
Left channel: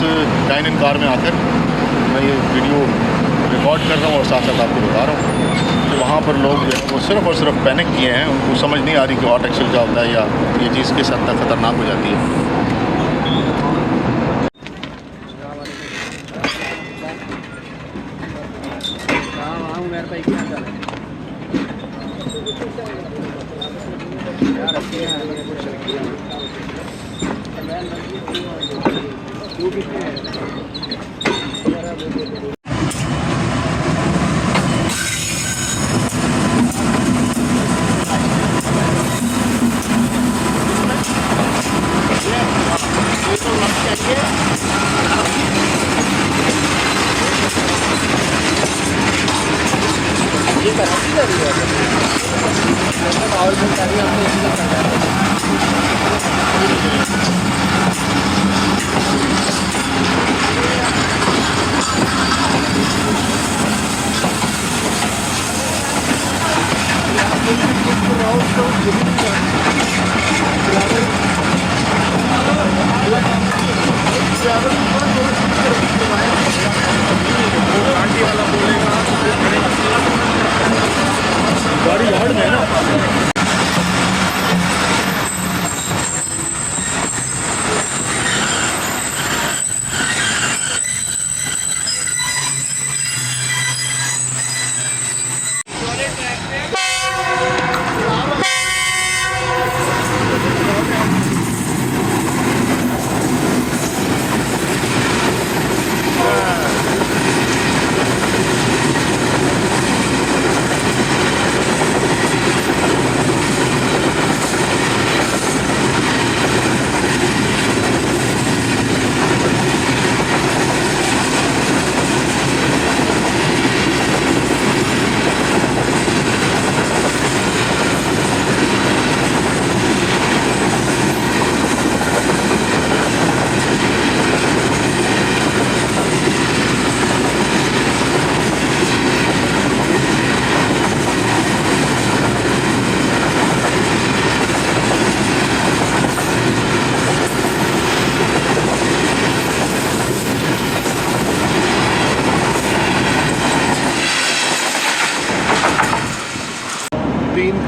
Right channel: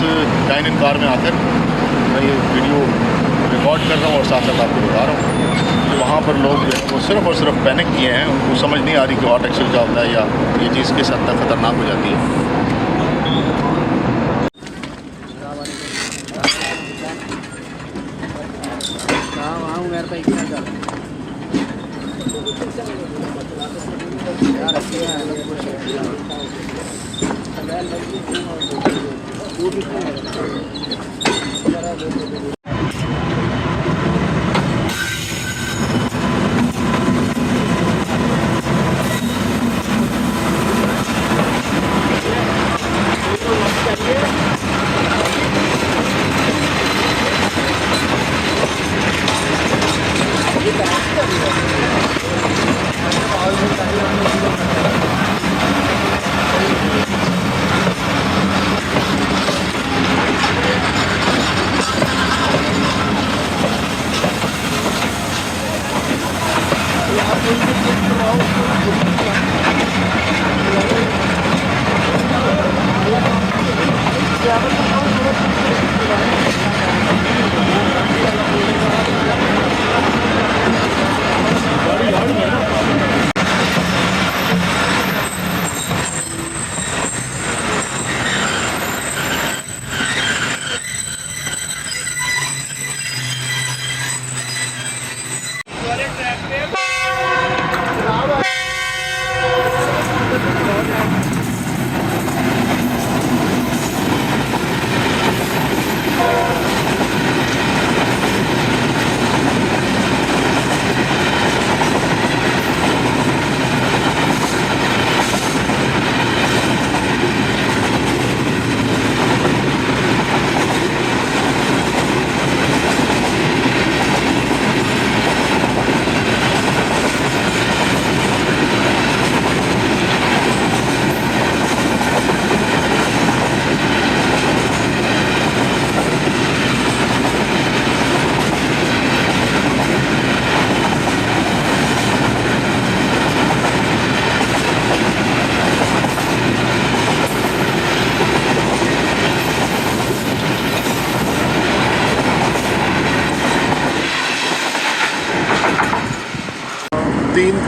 डाइनिंग कार में आकर वीडियो रिकॉर्ड कर रहा हूँ और साथ साथ आपको बता रहा हूँ कि वहाँ पर लोग जो है वो सिर्फ और सिर्फ पैनिक किए हैं। उनको समझ नहीं आ रही कि हॉट एक्सेल क्या होता है या ये चीज़ किस हद तक खतरनाक हो जाती है।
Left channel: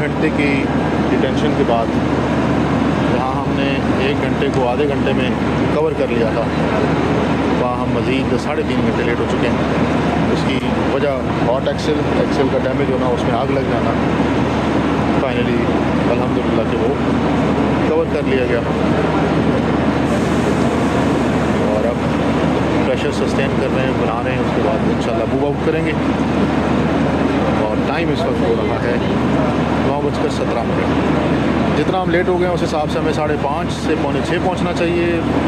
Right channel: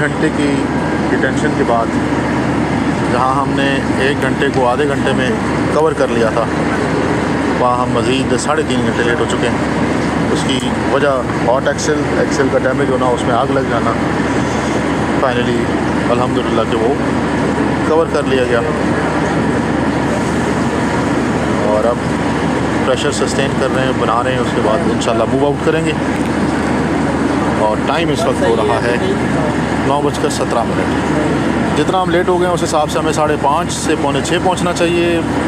घंटे की डिटेंशन के बाद जहाँ हमने 1 घंटे को आधे घंटे में कवर कर लिया था, वहाँ हम मज़ीद 3.5 घंटे लेट हो चुके हैं। उसकी वजह हॉट एक्सेल का डैमेज होना, उसमें आग लग जाना। फाइनली अल्हम्दुलिल्लाह कि वो कवर कर लिया गया और अब प्रेशर सस्टेन कर रहे हैं, बना रहे हैं। उसके बाद इंशाल्लाह मूव आउट करेंगे। और टाइम इस वक्त हो रहा है 9:17। जितना हम लेट हो गए उस हिसाब से हमें 5:30 से 5:45 पहुंचना चाहिए,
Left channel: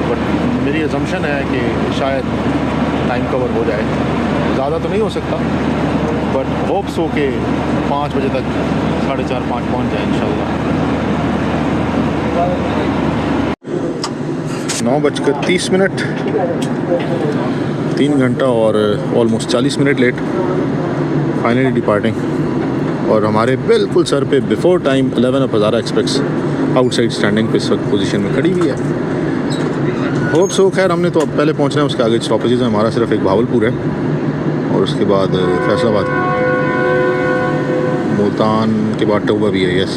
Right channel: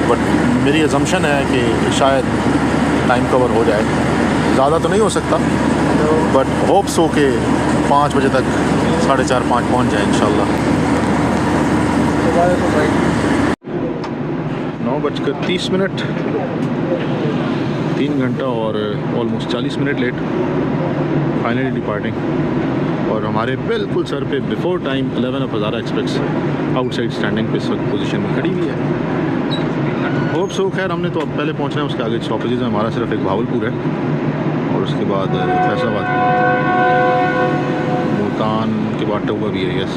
बट मेरी अजम्पशन है कि शायद टाइम कवर हो जाए। ज़्यादा तो नहीं हो सकता, बट होप्स हो के 5 बजे तक 4:30-5 पहुँच जाए इंशाल्लाह। 9:30, 3 घंटा और almost 40 minute late, finally departing. और हमारे बिल्कुल सर पे before time 11 of Hazara express outside standing पे इस वक्त पोजीशन में खड़ी हुई है। होप सो खैर हमने तो अब पहले पहुंचना है। उसके आगे स्टॉपेजेस हैं, हमारा सिर्फ एक भावलपुर है और उसके बाद फैसलाबाद, मुल्तान के बाद टोबा भी है। यस,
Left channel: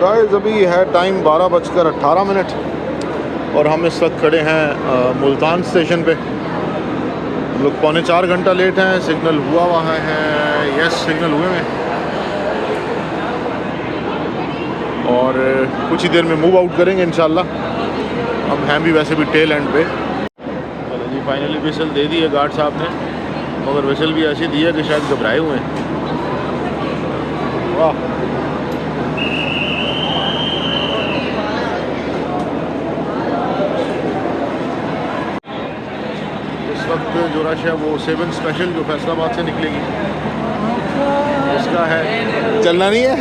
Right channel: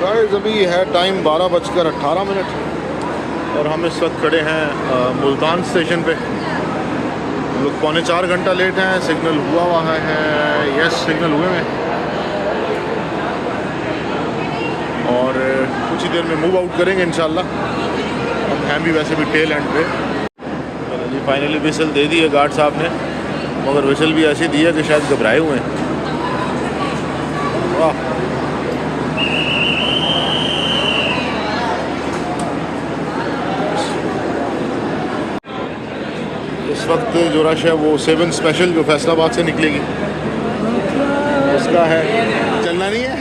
गाइस अभी है टाइम 12:18 और हम इस वक्त खड़े हैं मुल्तान स्टेशन पे। लोग 3.25 घंटा लेट हैं। सिग्नल हुआ है, यस सिग्नल हुए हैं और कुछ ही देर में मूव आउट करेंगे इंशाल्लाह। हम हैं भी वैसे भी टेल एंड पे। चलो जी, फाइनली विसल दे दी है गार्ड साहब ने, मगर विसल भी ऐसी दी है कि शायद घबराए हुए हैं। वाह, वक्त जो रश है वो 7 स्पेशल जो फैसलाबाद से निकलेगी उसका है। चलना नहीं है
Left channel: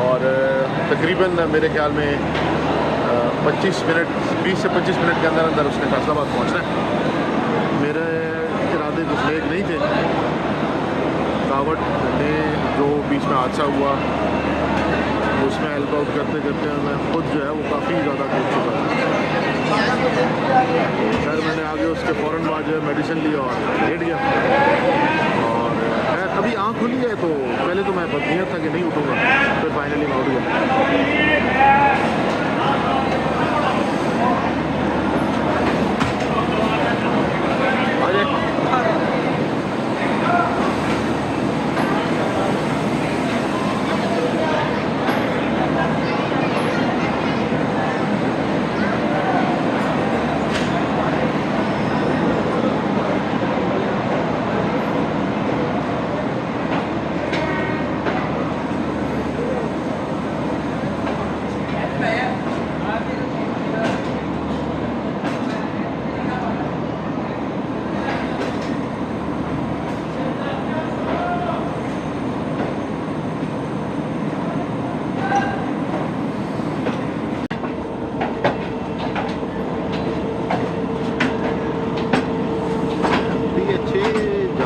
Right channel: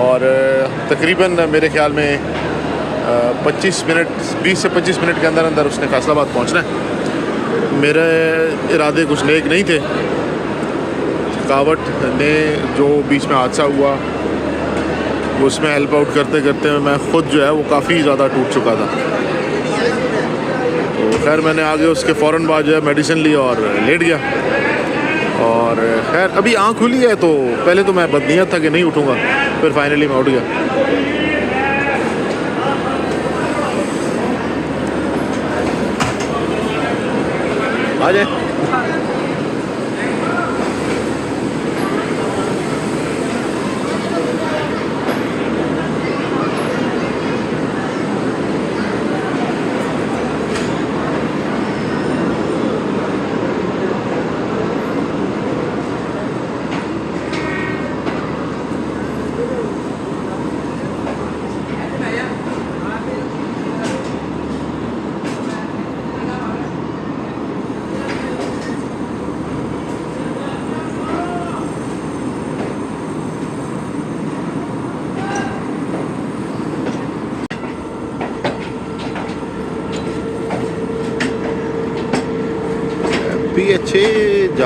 और तकरीबन मेरे ख्याल में 20 से 25 मिनट के अंदर अंदर उसने फैसलाबाद पहुंचना है। मेरे इरादे कुछ नेक नहीं थे। कावट ने जो बीच में हादसा हुआ उसमें हेल्प आउट करते करते मैं ख़ुद जो है वो काफ़ी ज़्यादा टूट चुका था। तो खैर मैंने आगे उसके फ़ौरन बाद जो है मेडिसिन ली और लेट गया। और खैर अभी आँख खुली है तो पहले तो मैं बदनीयत था कि नहीं उठूँगा, फिर फाइनली मैं उठ गया। आ जाए।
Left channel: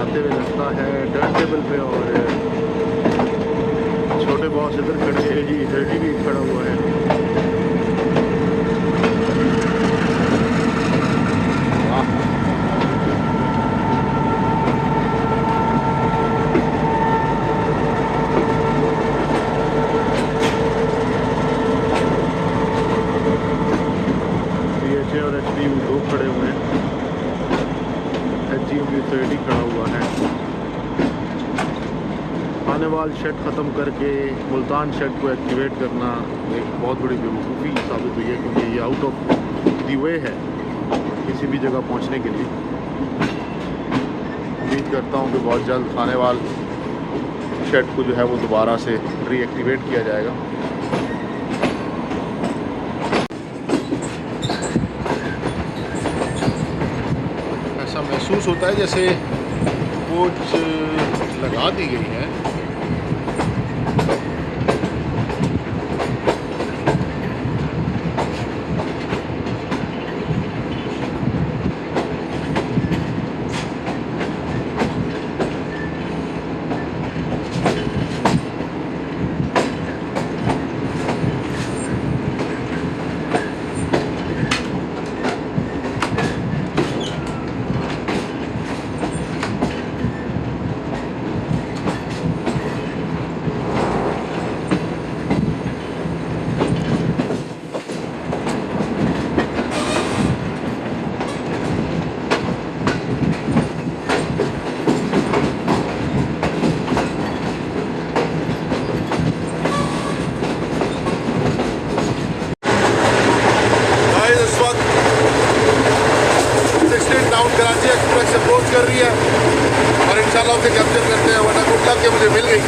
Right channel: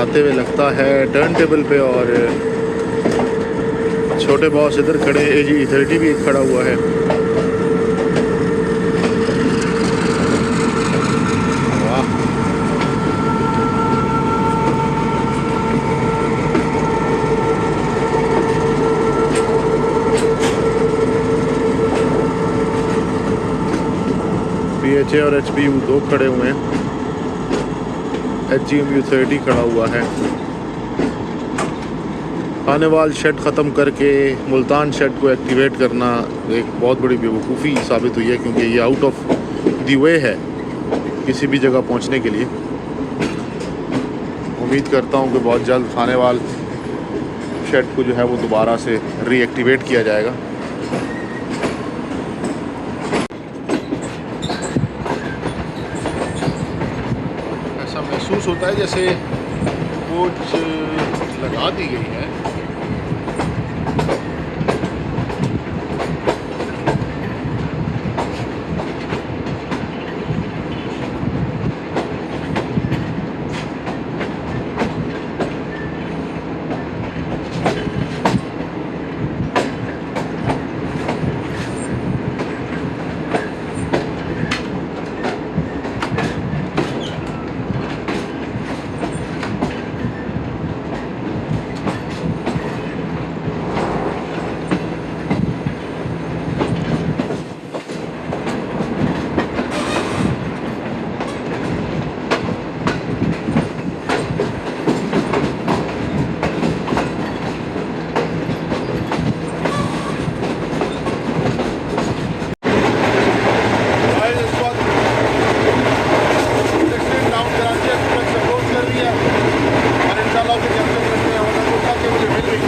आते हुए लगता है टर्न टेबल पे, और छोटे बॉस इधर खड़े, AG30 भी खड़ा हुआ है। वाह, PHA और HPU 2 खड़े हुए हैं, HGMU30 खड़ा हुआ है। खानेवाल शेड ख़त्म करके मुल्तान शेड को एक्टिवेट करना एक बहुत बड़ी बेवकूफ़ी साबित हुई है, क्योंकि ये आउट ऑफ द वे है किसी भी जगह पहुंचने के लिए। उम्मीद करता हूं कि बहुत जल्द खानेवाल शेड को जो है वो दोबारा से रीएक्टिवेट किया जाएगा। ऐसा महसूस होता है जैसे कोच लगा दी गई है। कर रही है और इंशाल्लाह उसे कैप्चर करते हैं, वरना गुड लक के मुझे मिल गई।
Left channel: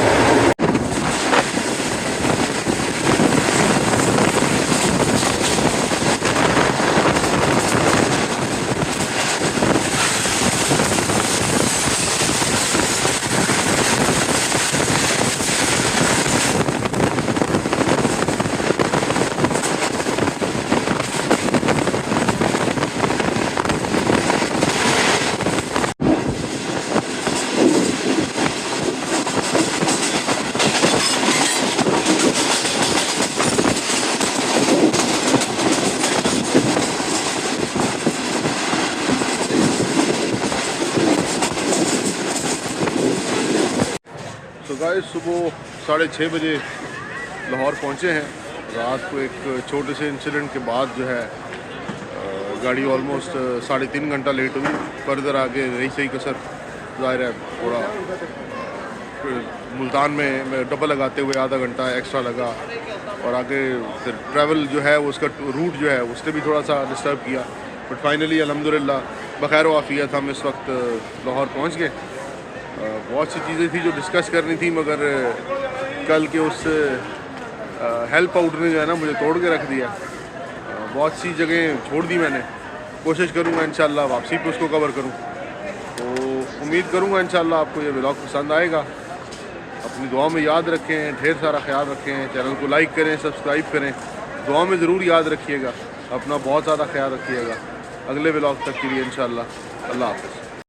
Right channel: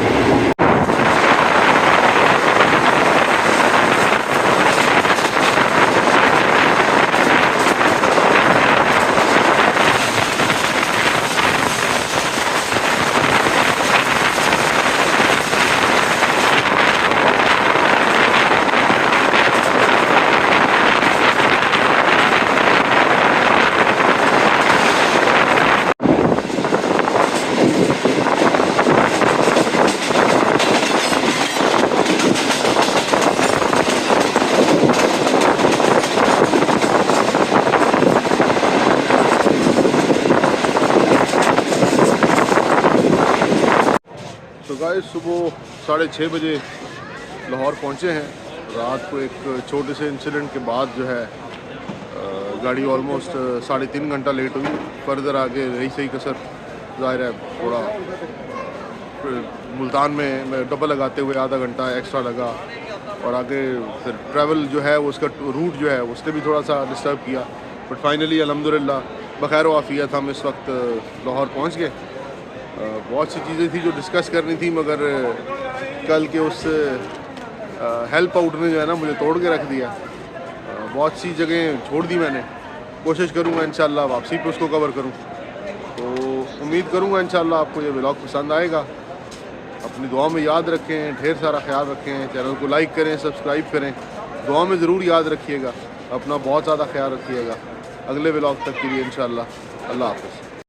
तो गाइस सुबह 6:30 बजे लाहौर पहुंचे हैं। रात को एक छोटे से इंसिडेंट के बाद जो है गाड़ी ऑलमोस्ट 3.5 घंटा लेट हुई। फर्दर आगे रही सही कसर, ज़ाहिर है थोड़ा मुल्तान में डबल लगाते हुए आधा घंटा एक्स्ट्रा लगा, और आगे फिर ट्रैवल जो है वो उसका रूट जो है उसने भी थोड़ा सा डिस्टर्ब किया। बट फाइनली अल्हम्दुलिल्लाह बखैर वाफ़ियत हम इस वक्त लाहौर पहुंच गए। बहुत सी चीज़ें थी जो डिस्कस करनी थी, मगर कल के उस हेल्प आउट ने जो है ना मुझे तोड़ के रख दिया। बहुत सी जगह छोड़ दी मैंने, कोशिश करूँगा इंशाल्लाह वापसी पे उसको कवर करूँ। तो उम्मीद करूँगा इंशाल्लाह आपको ये व्लॉग पसंद आएगा। अपनी दुआ में याद रखें, ढेर सारा ख्याल रखें, चैनल को लाइक करें, सब्सक्राइब करें, दुआ में ज़रूर याद रखिएगा। अपना बहुत ज़्यादा ख्याल रखिएगा। अगले व्लॉग तक के लिए इंशाल्लाह अल्लाह हाफ़िज़।